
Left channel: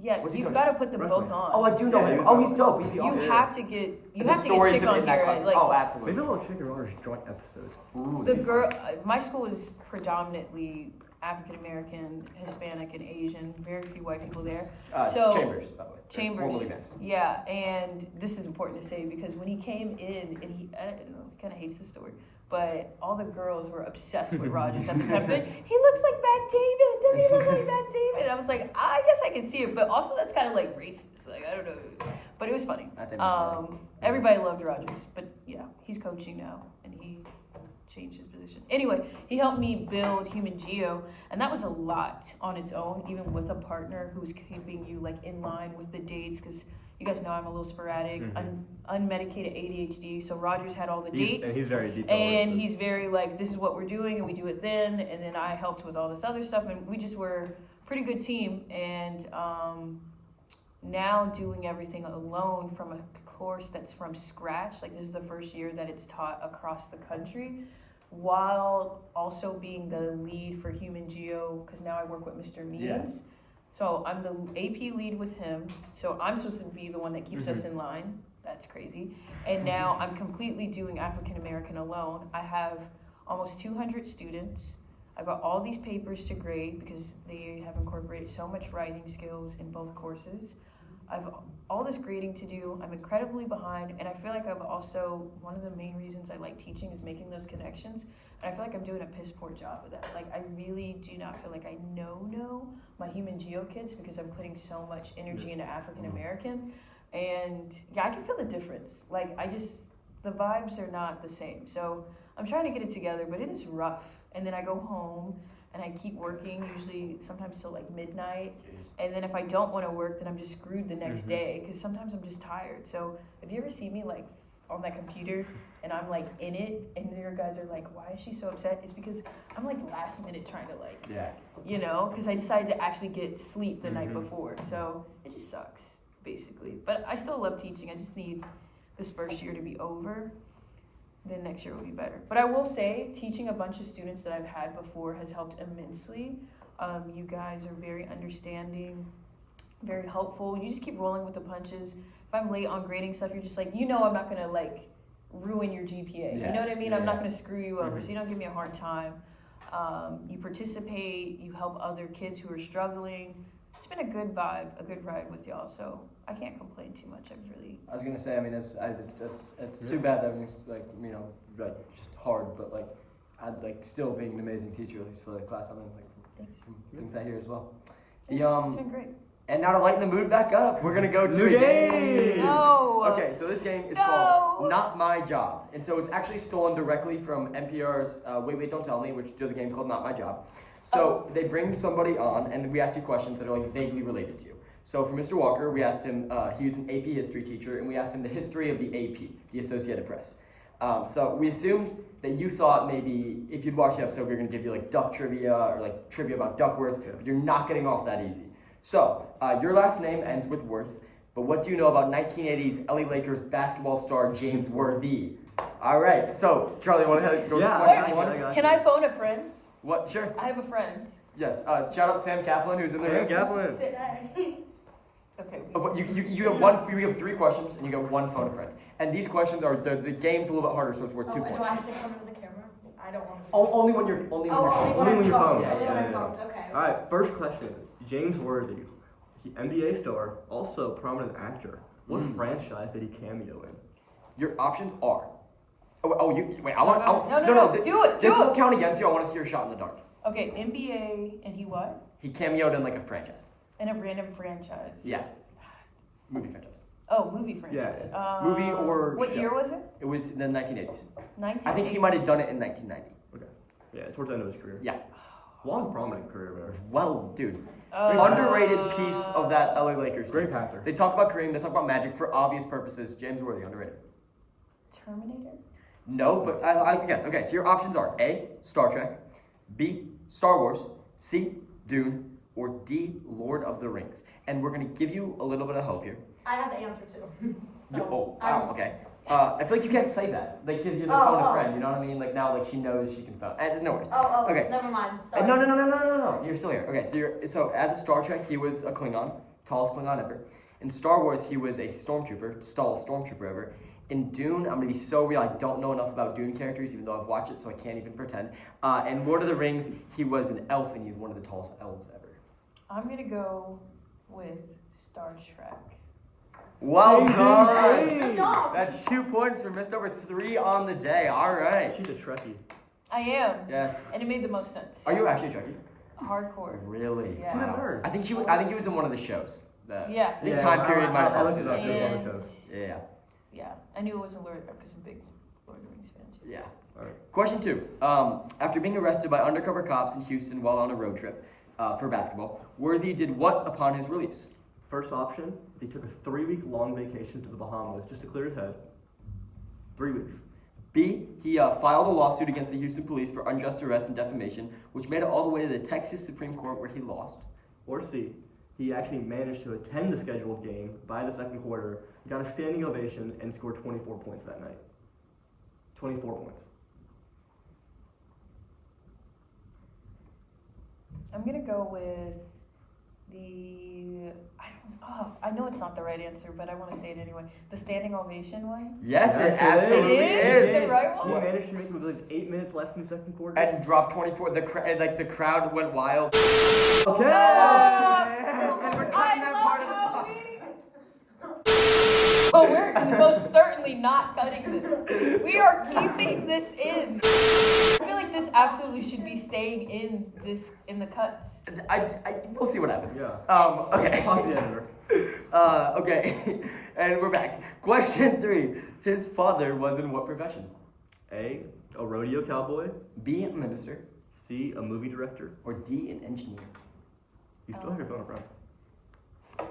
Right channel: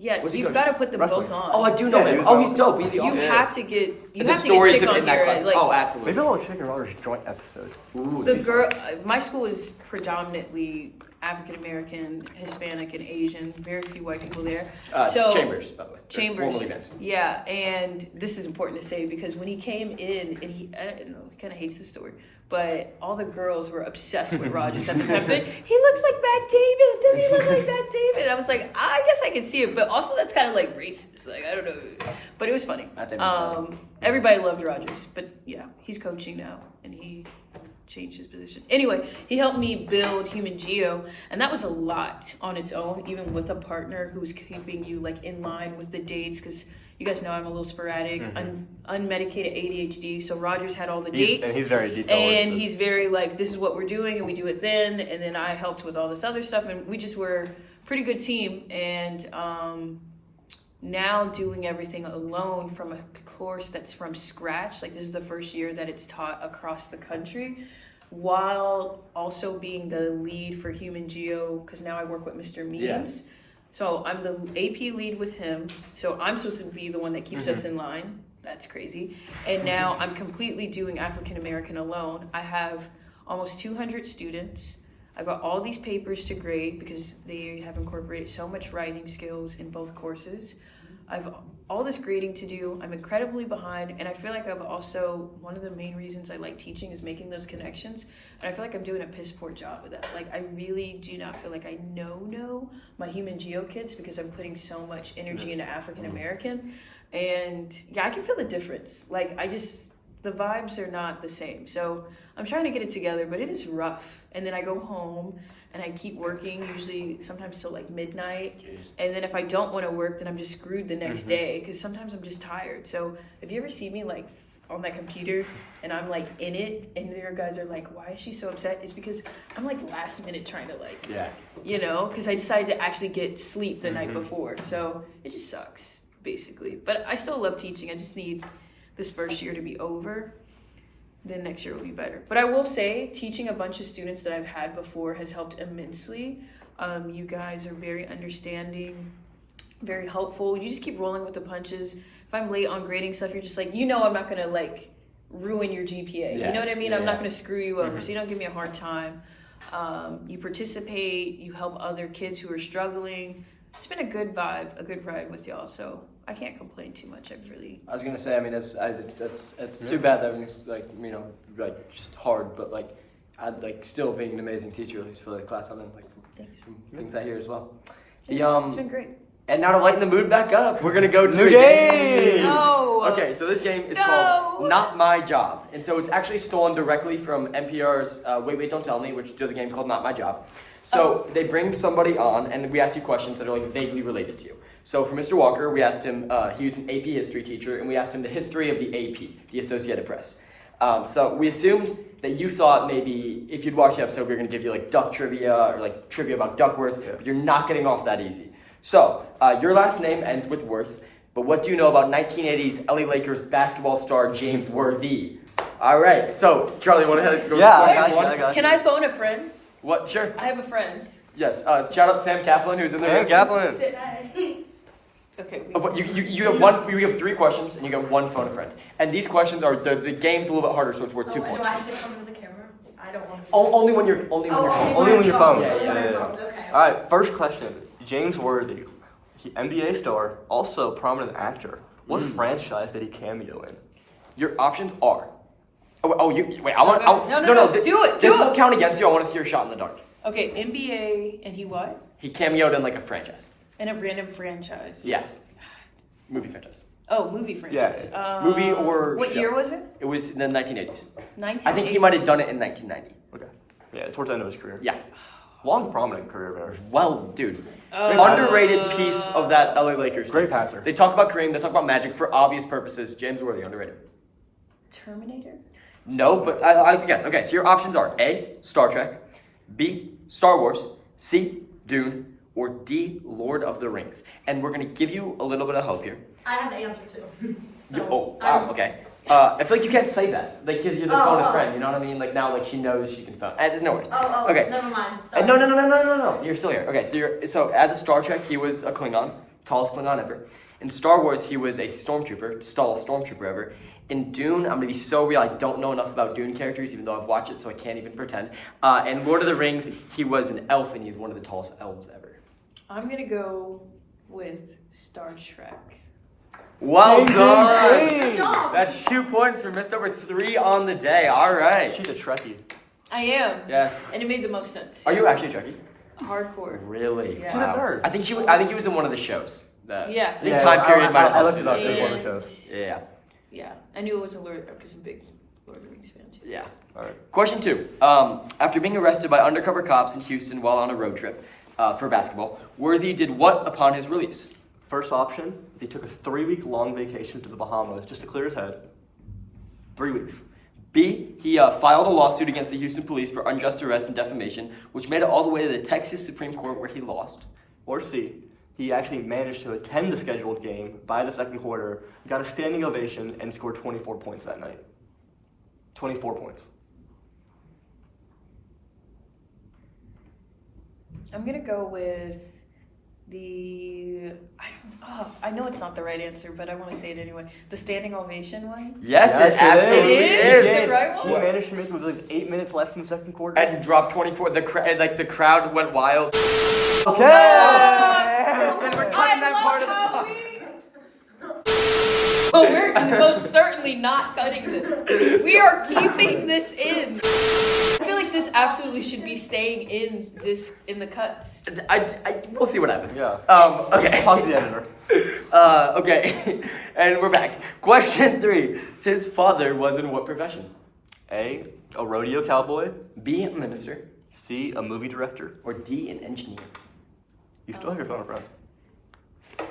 Yeah, What's he you've coach? got to put them Wrestling. both on. Oh, I do know him. Oh, he's dope. He's the You awesome. have to get And the chick stories on in that here. class. Like, Oh, absolutely. Maybe I'll check Rogers joint episode. Ooh, the it'd be girl, fun. my school is predominantly African American, Hispanic, and Asian. Very few white people there. Chambers, by the way. Chambers. Formerly Vince. Yeah, and this is important to say because when he came in, and I don't know, he kind of hates the story, but all the girls were obsessed with Rogers at the time. He looks like Matt David. Does he look like Matt David? I was like, I guess I can see it, but also that's kind of like racist. Like, I don't know, but it was funny. Matt David's funny. Everybody loved Rogers, but yeah, he's coaching now, and he changed his position. Anyway, he helped me build Human Geo, and that was a lot on its own, even with a partner who's keeping you like in line with the dates, because you guys know I'm a little sporadic, unmedicated ADHD. So Rogers had all the dates, And he's very detailed. and he's very like, this is what we're doing, and we do it then, and then I helped with all this other stuff, and we just were a pretty good team. And now doing everything alone from a course that's from scratch, like this is the first year that it's taught across the country, while also being the lead for Human Geo, because now I work with Mr. Means. So I'm the AP lead with him. So I'm supposed to be the one that keeps us in line. That's crazy. And now I'm completely doing African American alone. I have almost 200 students. I've got all these papers to grade because they have incorporated so much writing skills in both courses. I've all this grading to do. I'm incredibly behind, and I feel like I've also, one of the main reasons I like teaching is making those connections, and I feel like I'm doing a piss poor job of that. Like, I really do not feel like I know my human geo kids because I'm putting so much energy into African American, and yeah, I can feel the difference. Like, the vibes are not the same. So I'm trying to get it together, but it is rough. And then I go home and I keep working, usually sometimes till like midnight. And then if I don't want to work, then I'm just screwed the next day because sometimes I'm just tired. So if you ever see me like on that computer and I'm like in it and your guys are like, why is she so upset? It's because I'm like last minute trying to like, you know, because I decided to actually get sleep the night before. So it just sucks basically. But I still love teaching. I just need this first year to be over. Then next year will be better. But I will say, teaching a bunch of students that I've had before has helped immensely. You guys are very understanding, very helpful. You just keep rolling with the punches. If I'm late on grading stuff, you're just like, you know I'm not gonna like ruin your GPA. You know what I mean? I'm not gonna screw you over, so you don't give me a hard time. You participate, you help other kids who are struggling. It's been a good vibe, a good ride with y'all, so I can't complain too much. I was gonna say, I mean, it's too bad that everything's like, you know, like just hard, but like, I'd like still being an amazing teacher, at least for the class I'm in, like from things I hear as well. It's been great. And now to lighten the mood back up, we're gonna go to New a game. No. Okay, so this game is called Not My Job, and so it's actually stolen directly from NPR's Wait Wait Don't Tell Me, which does a game called Not My Job. So they bring somebody on, and we ask you questions that are like vaguely related to you. So for Mr. Walker, we asked him, he was an AP history teacher, and we asked him the history of the AP, the Associated Press. So we assumed that you thought maybe if you'd watch the episode, we were going to give you like duck trivia or like trivia about Duckworth, but you're not getting off that easy. So your last name ends with Worth, but what do you know about 1980s LA Lakers basketball star James Worthy? All right, so Charlie, want to go I question one? got you. Can I phone a friend? What? Sure. I have a friend. Yes. Shout out Sam Kaplan, who's in there. Sam Kaplan. Okay. But you have one. We have 3 questions, and you get one phone a friend. And these questions are the game's a little bit harder, so it's worth 2 points. Do I have to come to the camera? I don't want to. Only when you're phone. Only when your phone. Yeah. Okay. All right, first question. James Worthy, NBA star, also prominent actor. What franchise did he cameo in? Your options are. Wait. I want. No, do it. This won't count against you. I want to see your shot in the dark. Okay, NBA, and he what? He cameoed in like a franchise. In a random franchise. Yeah. Movie franchise. Oh, movie franchise. Movie or What show. year was it? It was in the 1980s. 1980s. I think he might have done it in 1990. Okay. Yeah, towards the end of his career. Yeah. Long, prominent career, man. Well, dude. Underrated piece of that LA Lakers. Great team. passer. They talk about Kareem. They talk about Magic for obvious purposes. James Worthy, underrated. Terminator? No, but I guess. Okay, so your options are A, Star Trek, B, Star Wars, C, Dune, or D, Lord of the Rings. And we're going to give you a little bit of help here. I have the answer too. Oh, wow, okay. I feel like you can't say that, like, because you're the phone a friend, you know what I mean? Like, now, like, she knows she can phone. No worries. Okay. Never mind. No. You're still here. Okay, so as a Star Trek, he was a Klingon, tallest Klingon ever. In Star Wars, he was a stormtrooper, tallest stormtrooper ever. In Dune, I'm gonna be so real, I don't know enough about Dune characters, even though I've watched it, so I can't even pretend. In Lord of the Rings, he was an elf, and he's one of the tallest elves ever. I'm gonna go with Star Trek. Well done! Good job. That's 2 points for missed over 3 on the day. All right. She's a Trekkie. I am. Yes. And it made the most sense. Are you actually a Trekkie? Hardcore. Really? Yeah. Wow. She's a nerd. I think he was in one of the shows. Yeah. I think time period might have I helped looked you it up. there. It was one of the And shows. Yeah. yeah, I knew it was a Lord because I'm a big Lord of the Rings fan too. Yeah. All right. Question 2. After being arrested by undercover cops in Houston while on a road trip for basketball, Worthy did what upon his release? First option, he took a 3-week-long vacation to the Bahamas just to clear his head. 3 weeks. B, he filed a lawsuit against the Houston police for unjust arrest and defamation, which made it all the way to the Texas Supreme Court where he lost. Or C, he actually managed to attend the scheduled game by the second quarter, got a standing ovation, and scored 24 points that night. 24 points. I'm gonna go with I know it's not the right answer, but I want to say it anyway. The standing ovation one? Yes, Yes, it it absolutely is. is. Is it right one? We managed to make it with like 8 minutes left in the second quarter. And dropped 24. The crowd went wild. Okay. And we're cutting that part of the talk. Oh, we're most certainly not cutting this. We are keeping this in. I feel like this absolutely should be staying in the cuts. We'll see what happens. Yeah. Okay. Talk to the editor. Okay. And we're back. Question 3. His father was in what profession? A rodeo cowboy. B, a minister. C, a movie director. Or D, an engineer. You still have your phone in front.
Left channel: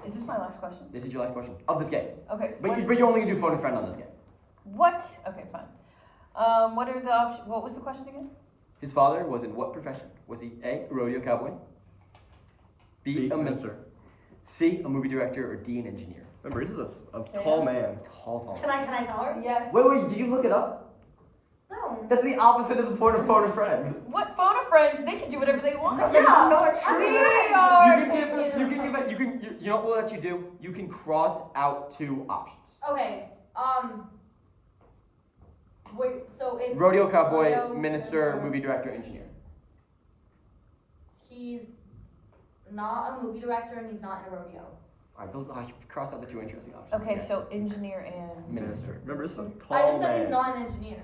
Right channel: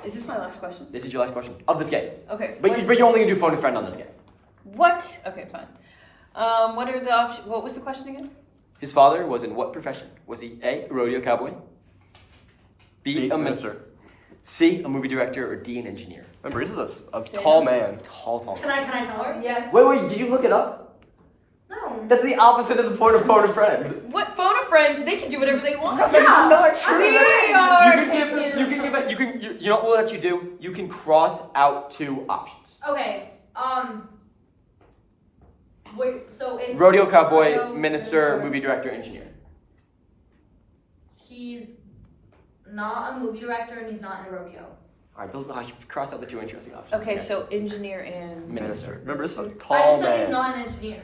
Is this my last question? This is your last question of this game. Okay. But you're only gonna do phone a friend on this game. What? Okay, fine. What are the options? What was the question again? His father was in what profession? Was he A, a rodeo cowboy? B, a minister. C, a movie director, or D, an engineer? Remember, this is a Sam? tall man. Tall. Can I tell her? Yes. Wait, did you look it up? No. That's the opposite of the point of phone a friend. What? Phone a friend? They can do whatever they want. That is not true. We are You know what we'll let you do? You can cross out 2 options. Okay. Wait. So it's Rodeo cowboy, rodeo, minister, movie director, engineer. He's not a movie director and he's not in a rodeo. All right, you cross out the 2 interesting options. Okay, so engineer and Minister. Remember, this is a I tall just said he's man. not an engineer.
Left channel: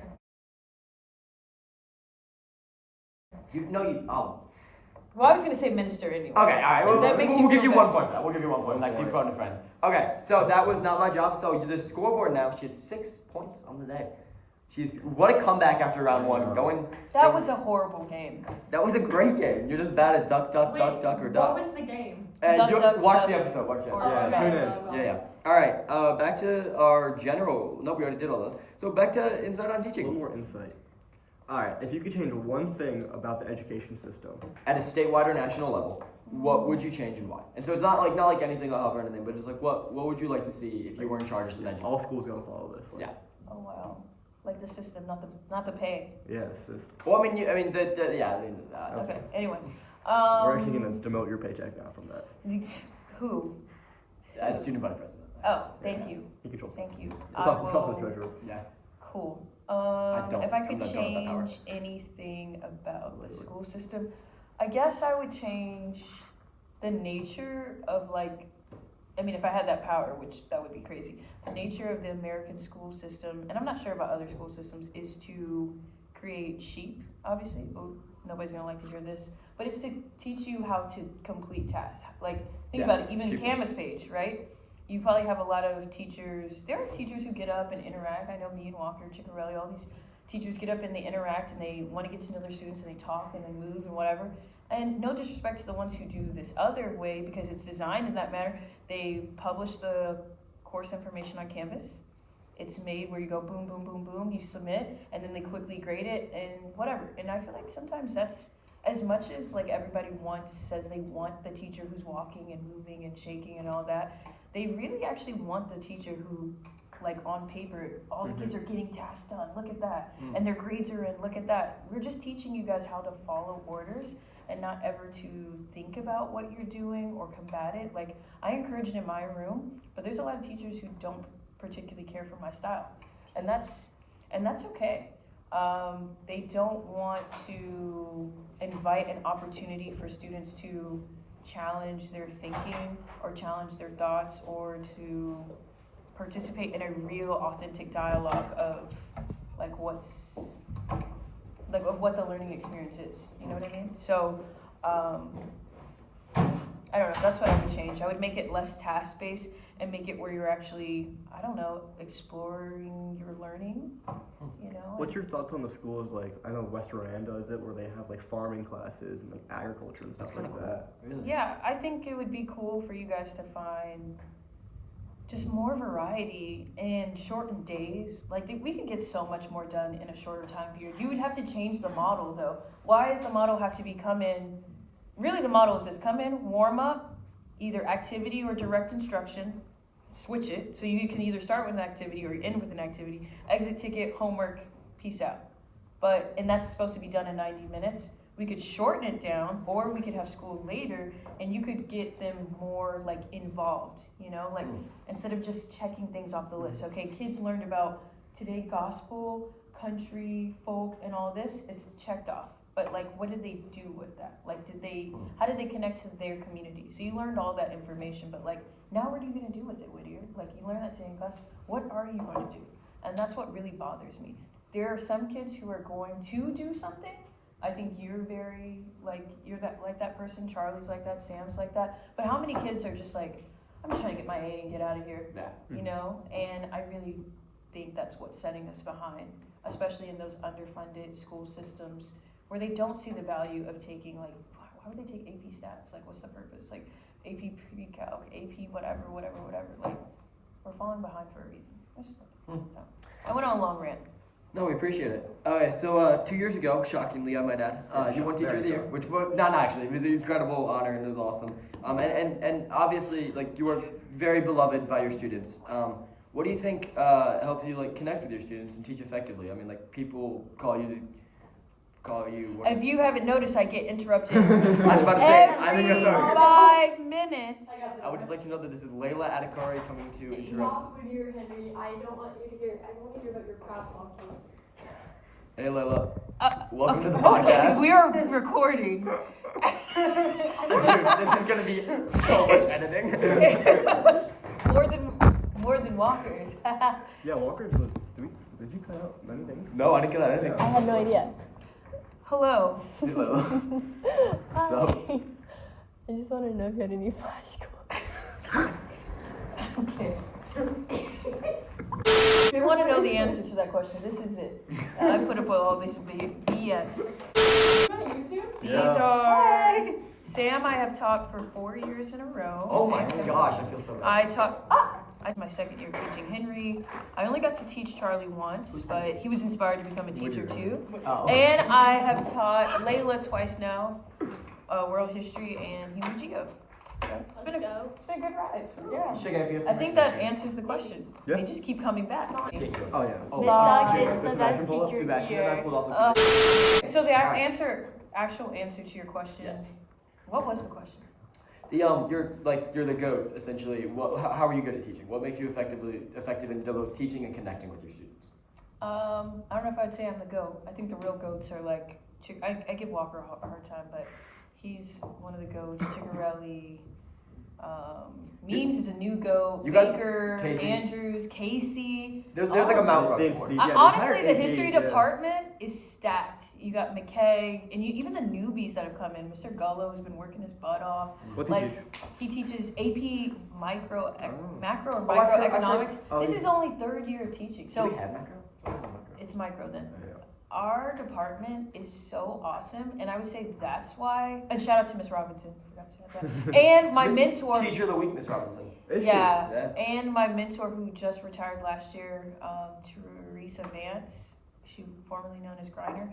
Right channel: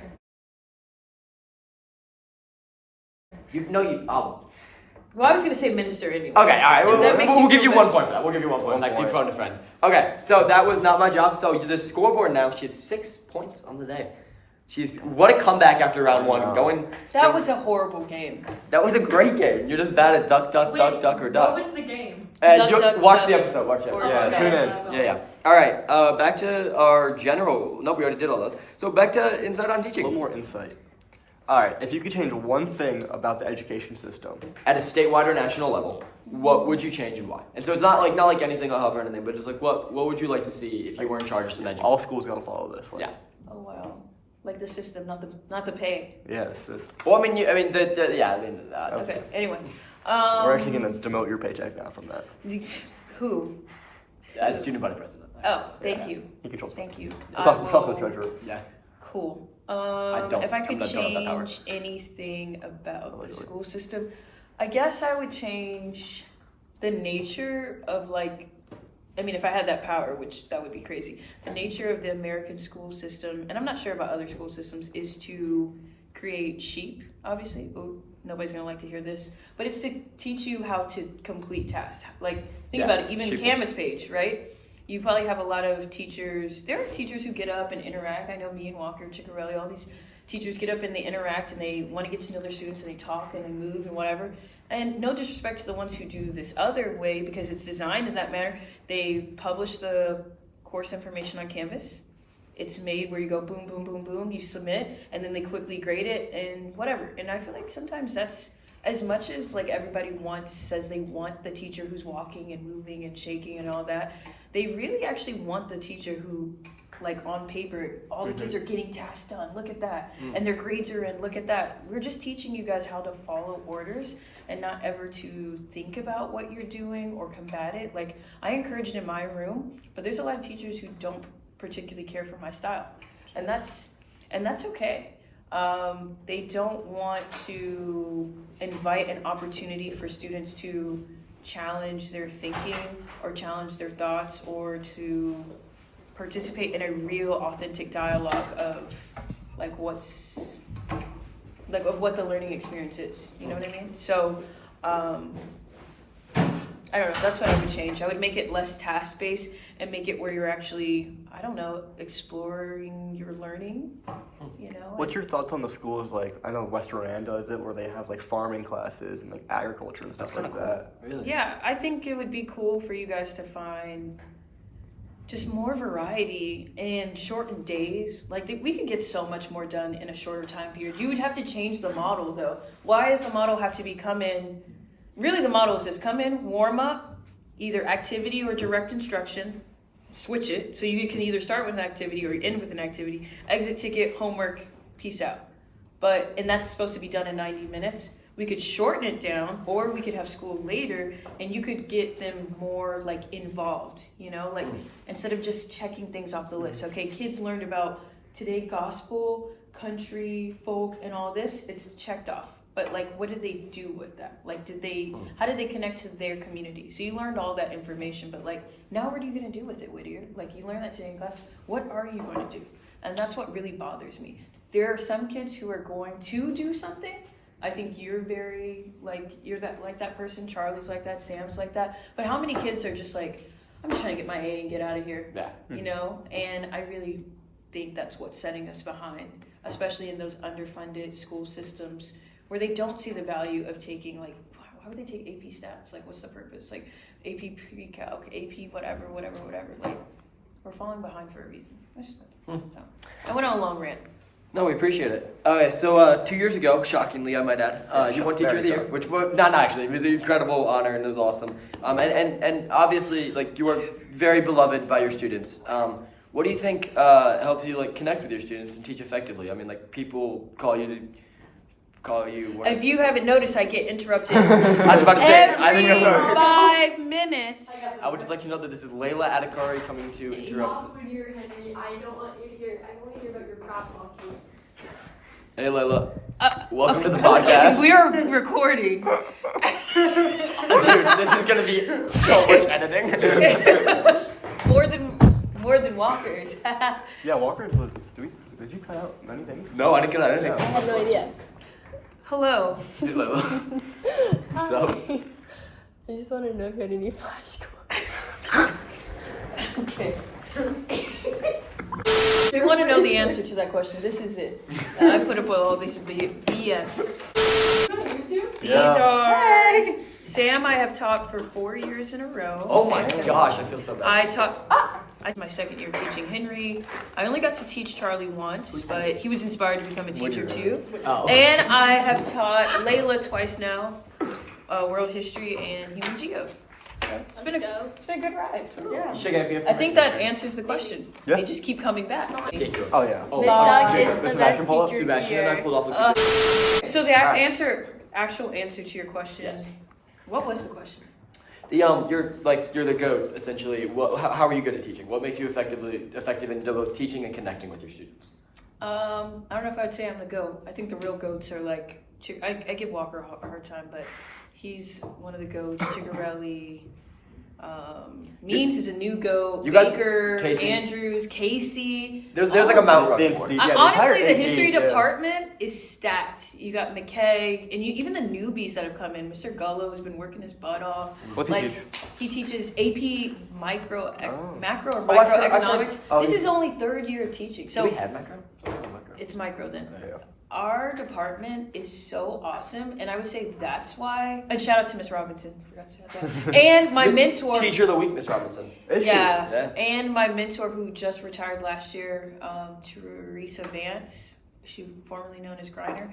Well, I was gonna say minister anyway. Okay, all right. If that makes you We'll give feel you 1 better. point for that. We'll give you 1 point. One Next, you point. phoned a friend. Okay, so that was not my job. So the scoreboard now, she has 6 points on the day. What a comeback after round 1. That was a horrible game. That was a great game. You're just bad at duck, Wait, or duck. What was the game? Watch duck, the episode. Watch the or episode. duck. Tune in. Yeah. All right. Back to our general. Nope, we already did all those. So back to insight on A teaching. little more insight. All right, if you could change one thing about the education system. At a statewide or national level, what would you change and why? And so it's not like anything I'll help or anything, but it's like what would you like to see if you were in charge of some education? All schools gotta follow this. Like, Yeah. Oh wow. Like the system, not the pay. Yes. Well, I mean, Okay. Anyway. We're actually gonna demote your paycheck now from that. Who? as student body president. Oh, thank you. He controls. Thank you. Talk to the treasurer. Yeah. Cool. don't- If I I'm could not done with that power. change anything about the Really? school system, I guess I would change the nature of if I had that power, which that would be crazy. The nature of the American school system, and I'm not sure about other school systems, is to create sheep, obviously. Ooh, nobody's gonna like to hear this. But it's to teach you how to complete tasks. Think Yeah, about it, even sheep. Canvas page, right? You probably have a lot of teachers. There are teachers who get up and interact. I know me and Walker, Ciccarelli, all these teachers get up and they interact and they want to get to know their students and they talk and they move and whatever. And no disrespect to the ones who do this other way because it's designed in that manner. They publish the course information on Canvas. It's made where you go boom, boom, boom, boom, you submit, and then they quickly grade it and whatever. And I feel like sometimes that's as much as everybody says they want the teacher who's walking and moving and shaking and all that. They really actually want the teacher who, on paper, all the kids are getting tasks done. Look at that. And their grades are in. Look at that. We're just teaching you guys how to follow orders and not ever to think about what you're doing or combat it. I encourage it in my room, but there's a lot of teachers who don't particularly care for my style. And that's okay. They don't want to invite an opportunity for students to challenge their thinking or challenge their thoughts or to participate in a real authentic dialogue of of what the learning experience is. You know what I mean? So I don't know, that's what I would change. I would make it less task-based and make it where you're actually, exploring your learning, What's your thoughts on the schools I know West Roran does it, where they have farming classes and agriculture and stuff That's kind like of cool. that. Really? Yeah, I think it would be cool for you guys to find just more variety and shortened days. We could get so much more done in a shorter time period. You would have to change the model though. Why does the model have to be come in? Really the model is this: come in, warm up, either activity or direct instruction, switch it. So you can either start with an activity or end with an activity, exit ticket, homework, peace out. And that's supposed to be done in 90 minutes. we could shorten it down, or we could have school later, and you could get them more like involved, you know, like instead of just checking things off the list. Okay, kids learned about today gospel, country, folk, and all this, it's checked off. But like, what did they do with that? Like, how did they connect to their community? So you learned all that information, but like, now what are you gonna do with it, Whittier? Like, you learned that today in class, what are you going to do? And that's what really bothers me. There are some kids who are going to do something. I think you're very, like, you're that person, Charlie's like that, Sam's like that. But how many kids are just like, I'm just trying to get my A and get out of here, you know? And I really think that's what's setting us behind, especially in those underfunded school systems where they don't see the value of taking, like, why would they take AP stats? Like, what's the purpose? Like, AP pre-calc, AP whatever. Like, we're falling behind for a reason. So, I went on a long rant. No, we appreciate it. Okay, so 2 years ago, shockingly, I might add, you won Teacher of the Year, which was, not actually, it was an incredible honor and it was awesome. And obviously, like, you are very beloved by your students. What do you think helps you, like, connect with your students and teach effectively? I mean, like, people call you. If you haven't noticed, I get interrupted I was about to say, I think every you're 5 minutes. I would just like you to know that this is Layla Adhikari coming to interrupt us. Whittier, Henry, I don't want you to hear. I want to hear about your crap monkey. Hey Layla, welcome to the podcast. We are recording. Dude, this is gonna be so much editing. more than Walker's. Yeah, Walker's was. Did you cut out anything? No, I didn't get out anything. I have no idea. Hello. Hey Layla. What's up? I just want to know if you had any flashcards. Okay. If you want to know the answer to that question, this is it. I put up with all this BS. These are Sam. I have taught for 4 years in a row. Oh my Sam, gosh, I feel so bad. I taught. I my second year teaching Henry. I only got to teach Charlie once, but he was inspired to become a teacher too. Oh. And I have taught Layla twice now, world history and human geo. So it's been a good ride. Yeah. You should get a I think that answers the question. Yeah. They just keep coming back. Ridiculous. Oh yeah. Oh, Miss wow. Doug is the best pull up. teacher Sebastian and I here. pulled off a So the actual answer to your question. Yes. What was the question? You're the GOAT essentially. How are you good at teaching? What makes you effective in both teaching and connecting with your students? I don't know if I'd say I'm the GOAT. I think the real GOATs are like, I give Walker a hard time, but he's one of the GOATs. Chigarelli, Means is a new GOAT. You guys- Baker, Casey. Andrews, Casey. There's like a Mount The- Rushmore. the- I, Yeah, honestly, entire the history AP, yeah. department is stacked. You got McKay, and even the newbies that have come in. Mr. Gullo has been working his butt off. What's Like, he teach? he teaches AP macro or Oh, microeconomics. Oh, This is only 3rd year of teaching. Do So we have macro? Oh, macro. it's micro then. Yeah. Our department is so awesome, and I would say that's why. And shout out to Miss Robinson. Forgot to say that. And my mentor. Teacher of the week, Miss Robinson. Is she? Yeah, Yeah. and my mentor who just retired last year, Teresa Vance, she formerly known as Griner.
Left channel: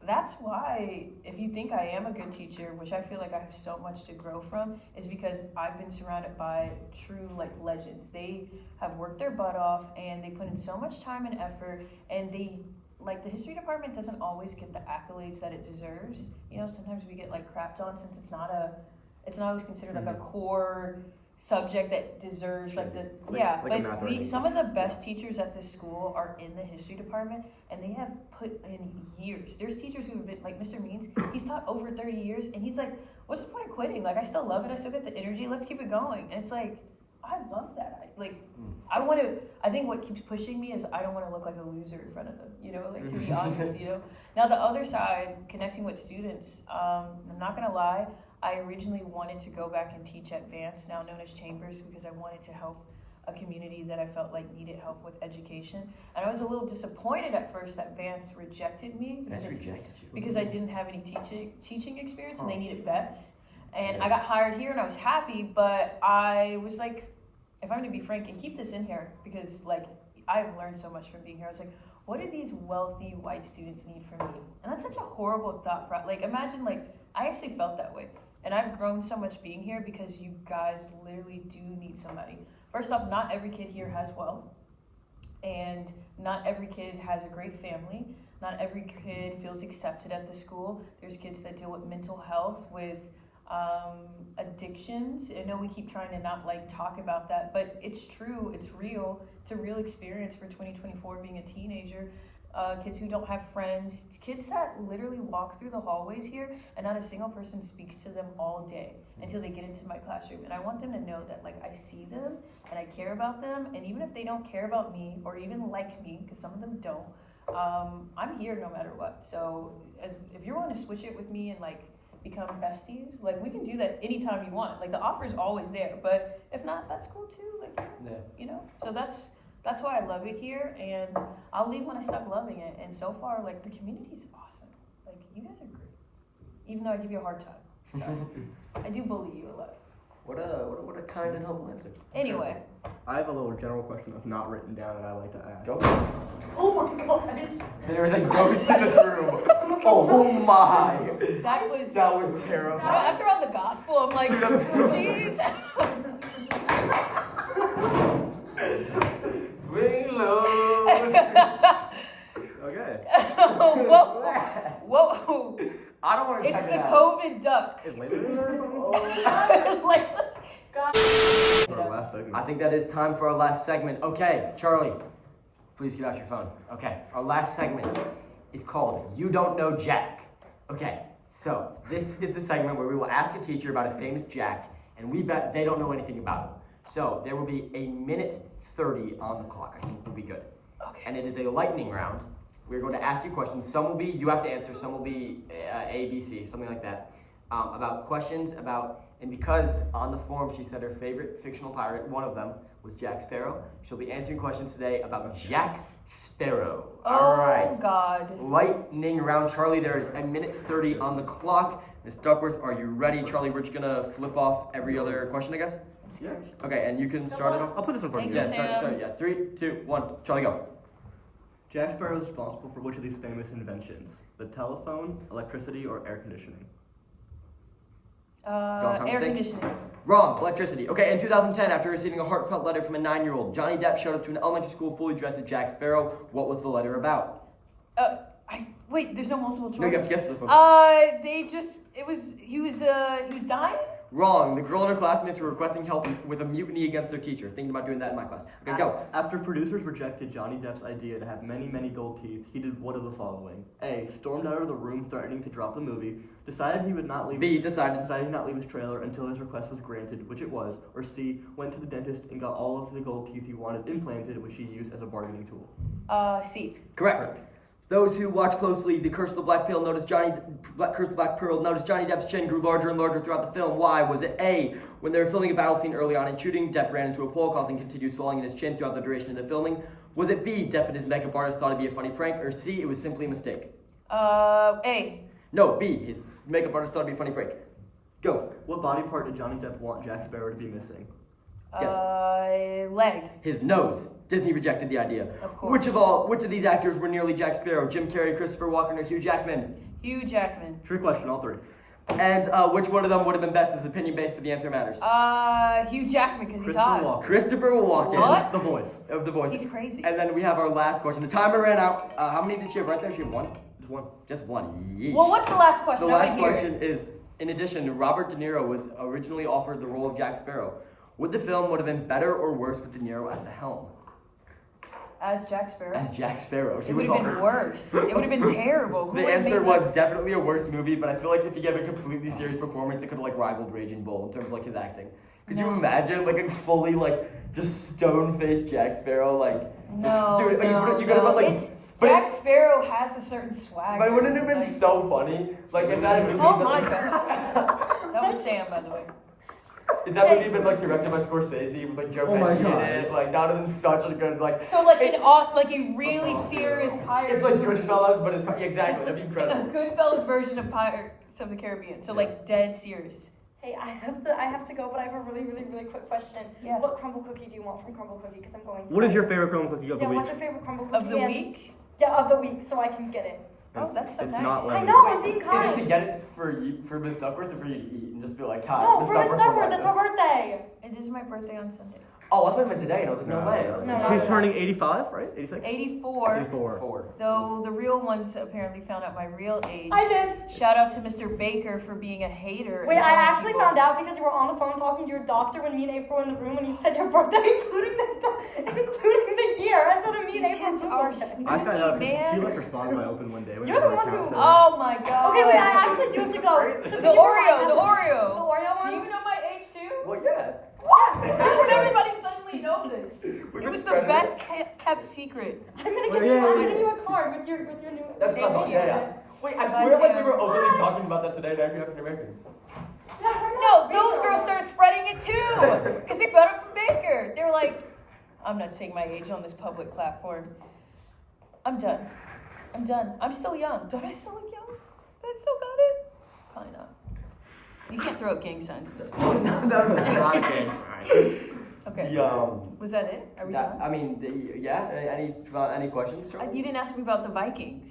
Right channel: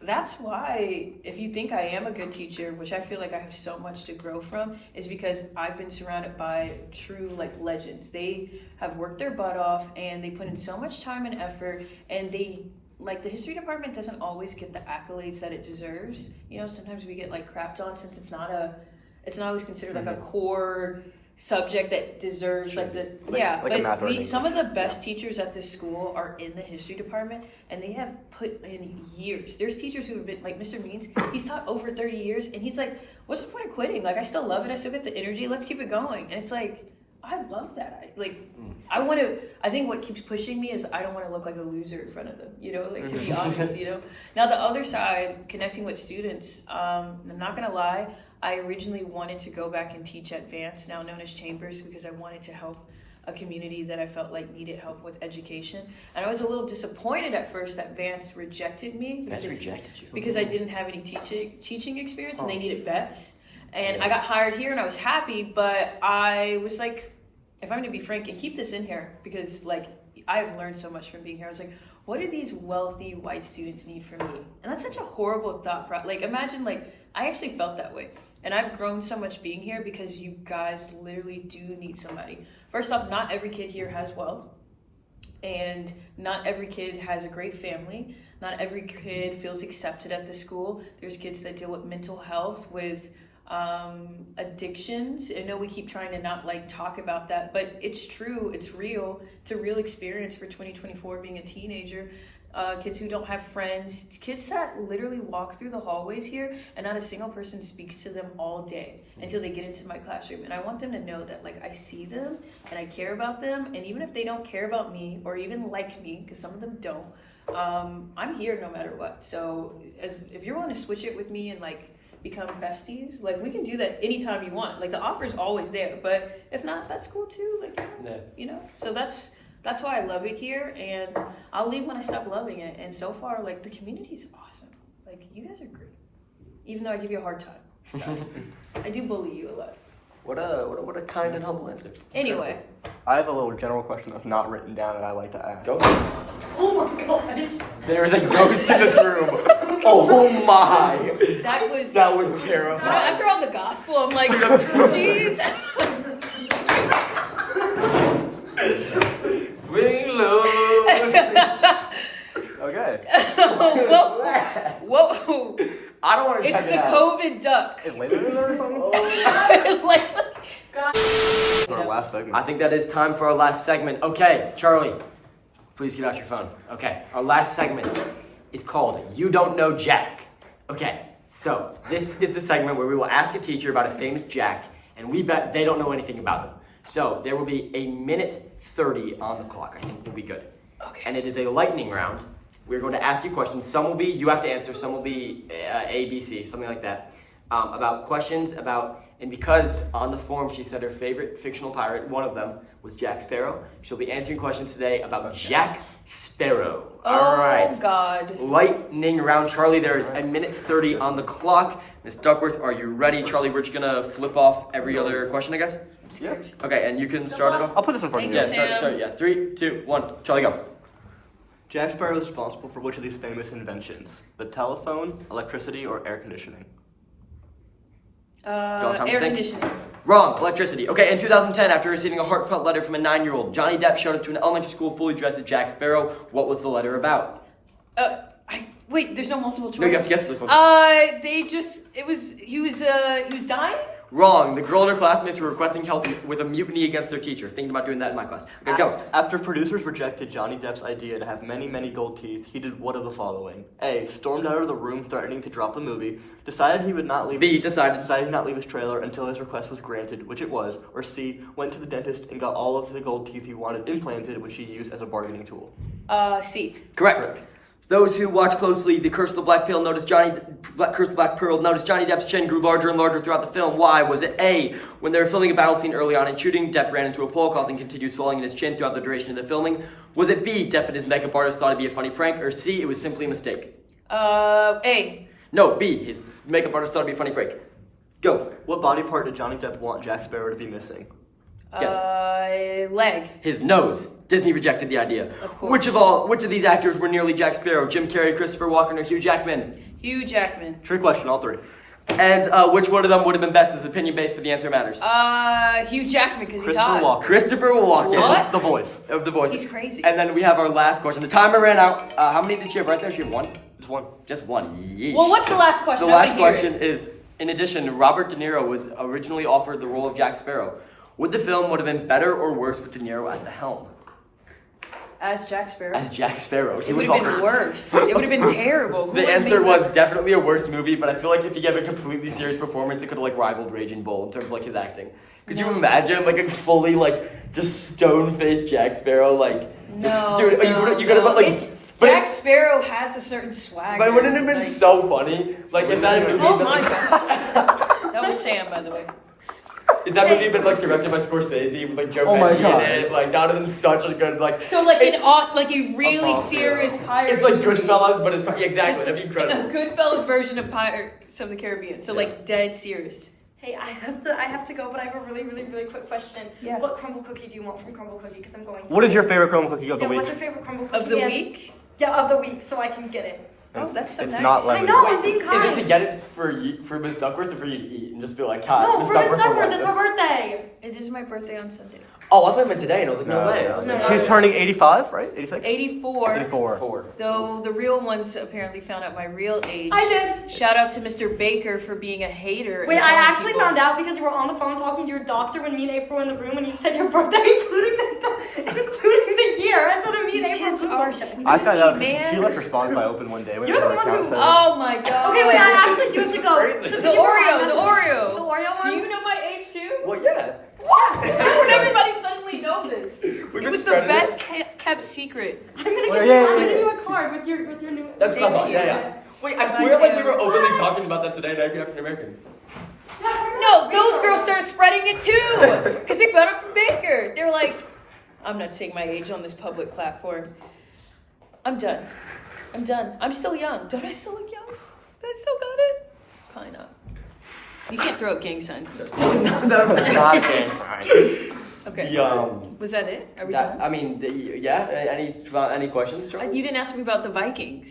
That's why, if you think I am a good teacher, which I feel like I have so much to grow from, is because I've been surrounded by true like legends. They have worked their butt off and they put in so much time and effort, and they like the history department doesn't always get the accolades that it deserves. You know, sometimes we get like crapped on since it's not always considered like a core subject that deserves like the Like a math or but anything. some of the best teachers at this school are in the history department, and they have put in years. There's teachers who have been like Mr. Means. He's taught over 30 years, and he's like, "What's the point of quitting? Like, I still love it. I still get the energy. Let's keep it going." And it's like, I love that. I think what keeps pushing me is I don't want to look like a loser in front of them. You know, like to be honest. You know. Now the other side, connecting with students. I'm not gonna lie. I originally wanted to go back and teach at Vance, now known as Chambers, because I wanted to help a community that I felt like needed help with education. And I was a little disappointed at first that Vance rejected me Vance rejected you. because I didn't have any teaching experience, and they needed vets. And I got hired here, and I was happy, but I was like, if I'm gonna be frank and keep this in here, because like I've learned so much from being here. I was like, what do these wealthy white students need from me? And that's such a horrible thought. Like imagine like I actually felt that way. And I've grown so much being here because you guys literally do need somebody. First off, not every kid here has wealth, and not every kid has a great family. not every kid feels accepted at the school. There's kids that deal with mental health, with addictions. I know we keep trying to not like talk about that, but it's true, it's real. It's a real experience for 2024 being a teenager. Kids who don't have friends, kids that literally walk through the hallways here and not a single person speaks to them all day until they get into my classroom. And I want them to know that like I see them and I care about them, and even if they don't care about me or even like me, because some of them don't, I'm here no matter what. So if you're willing to switch it with me and like become besties, like we can do that anytime you want. Like the offer's always there, but if not, that's cool too. Like you know. So that's why I love it here, and I'll leave when I stop loving it. And so far, like the community's awesome. Like you guys are great, even though I give you a hard time. Sorry. I do bully you a lot. What a kind and humble answer. Anyway. I have a little general question that's not written down that I like to ask. Go. Oh my god. There is a ghost in this room. Oh my. That was terrifying. after all the gospel, I'm like, jeez. Swing low. Okay. Whoa. I don't want to It's check the it out. COVID duck. Is later in there or something? Like, Our last segment. I think that is time for our last segment. Okay, Charlie, please get out your phone. Okay, our last segment is called You Don't Know Jack. Okay, so this is the segment where we will ask a teacher about a famous Jack, and we bet they don't know anything about him. So there will be a minute 30 on the clock. I think we'll be good. okay. And it is a lightning round. We're going to ask you questions. Some will be you have to answer. Some will be A, B, C, something like that. About questions about, and because on the form she said her favorite fictional pirate, one of them was Jack Sparrow. She'll be answering questions today about Jack Sparrow. All right. Oh God. Lightning round. Charlie, there is a minute 30 on the clock. Miss Duckworth, are you ready? Charlie, we're just gonna flip off every other question, I guess. Yeah. Okay, and you can start it off. I'll put this in front of you. Yeah, Sam. start. Yeah, 3, 2, 1. Charlie, go. Jack Sparrow is responsible for which of these famous inventions? The telephone, electricity, or air conditioning? time to Air think. conditioning. Wrong. Electricity. Okay, in 2010, after receiving a heartfelt letter from a 9-year-old, Johnny Depp showed up to an elementary school fully dressed as Jack Sparrow. What was the letter about? Wait, there's no multiple choice. No, you have to guess this one. He was dying? Wrong. The girl and her classmates were requesting help with a mutiny against their teacher. Thinking about doing that in my class. Okay, go. After producers rejected Johnny Depp's idea to have many, many gold teeth, he did one of the following. A. Stormed out of the room threatening to drop the movie. Decided he would not leave. B. Decided. Decided he'd not leave his trailer until his request was granted, which it was. Or C. Went to the dentist and got all of the gold teeth he wanted implanted, which he used as a bargaining tool. C. Correct. Those who watch closely The Curse of the Black Pearl noticed Curse of the Black Pearl noticed Johnny Depp's chin grew larger and larger throughout the film. Why? Was it A, when they were filming a battle scene early on in shooting, Depp ran into a pole causing continued swelling in his chin throughout the duration of the filming? Was it B, Depp and his makeup artist thought it'd be a funny prank? Or C, it was simply a mistake? A. No, B, his makeup artist thought it'd be a funny prank. Go. What body part did Johnny Depp want Jack Sparrow to be missing? Leg. His nose. Disney rejected the idea. Of course. Which of these actors were nearly Jack Sparrow? Jim Carrey, Christopher Walken, or Hugh Jackman? Hugh Jackman. Trick question, all three. And which one of them would have been best? Is opinion based, but the answer matters. Hugh Jackman, because he's Christopher hot. Walken. Christopher Walken. What? The voice. Of the voice. He's crazy. And then we have our last question. The timer ran out. How many did she have right there? She had one? Just one. Just one. Yeesh. Well, what's the last question? The I wanna last hear question is, in addition, Robert De Niro was originally offered the role of Jack Sparrow. Would the film would have been better or worse with De Niro at the helm? As Jack Sparrow. As Jack Sparrow. It would have been worse. It would have been terrible. Who The would have answer made was that? definitely a worse movie, but I feel like if he gave a completely serious performance, it could have like rivaled Raging Bull in terms of like his acting. Could you No. imagine like a fully like just stone-faced Jack Sparrow like? No. Dude, no, you could have like. It's, but Jack Sparrow has a certain swag. But wouldn't it have been Like- so funny? Like if that movie Oh been my like, god. That was Sam, by the way. if that movie been like directed by Scorsese with like Joe Oh my Pesci God. in it, like that would have been such a good like. So like it- like a really Above serious zero. pirate It's like movie. Goodfellas, but it's yeah, exactly. Just That'd be incredible. A Goodfellas version of Pirates of the Caribbean. So Yeah. like dead serious. Hey, I have to go, but I have a really quick question. Yeah. What crumble cookie do you want from Crumble Cookie? Because I'm going to. What is your favorite crumble cookie of the Yeah, week? what's your favorite crumble cookie? Of the And- week? Yeah, of the week, so I can get it. Oh, that's so It's nice. not I lemon. know, Wait, I'm being is kind. it to get it for Miss Duckworth or for you to eat and just be like, hi, No, Miss for Miss Duckworth would Duckworth, like it's this? her birthday. It is my birthday on Sunday. Oh, I thought you meant today, and I was like, no way. I was like, She's turning 85, right? 86? 84. 84. Though the real ones apparently found out my real age. I did. Shout out to Mr. Baker for being a hater. Wait, and I telling actually people- found out because you were on the phone talking to your doctor when me and April were in the room and you said your birthday, including the year. That's what me These and April kids were are doing. sneaky, I found out man. she left her Spotify open one day when You're they were the at one account who- center. Oh my god. Okay, wait, I actually do to go. Crazy. So The did you Oreo, remember the Oreo. The Oreo Do one? you know my age too? Well, yeah. What? How did everybody suddenly know this? We've It been was the spreading best it. kept secret. I'm gonna Wait, get yeah, you. I'm yeah. gonna do a card with your new. That's Damn fun. it, Yeah. Wait, I Nice swear like we to were know. openly talking about that today, and every African American. No, those girls started spreading it too, because they found it from Baker. They were like, I'm not saying my age on this public platform. I'm done. I'm done. I'm still young. Don't I still look young? Do I still got it? Probably not. You can't throw up gang signs. at this point. that was Not gang sign. Okay. Was that it? Are we That, done? I mean, yeah. Any questions? Charlie? You didn't ask me about the Vikings.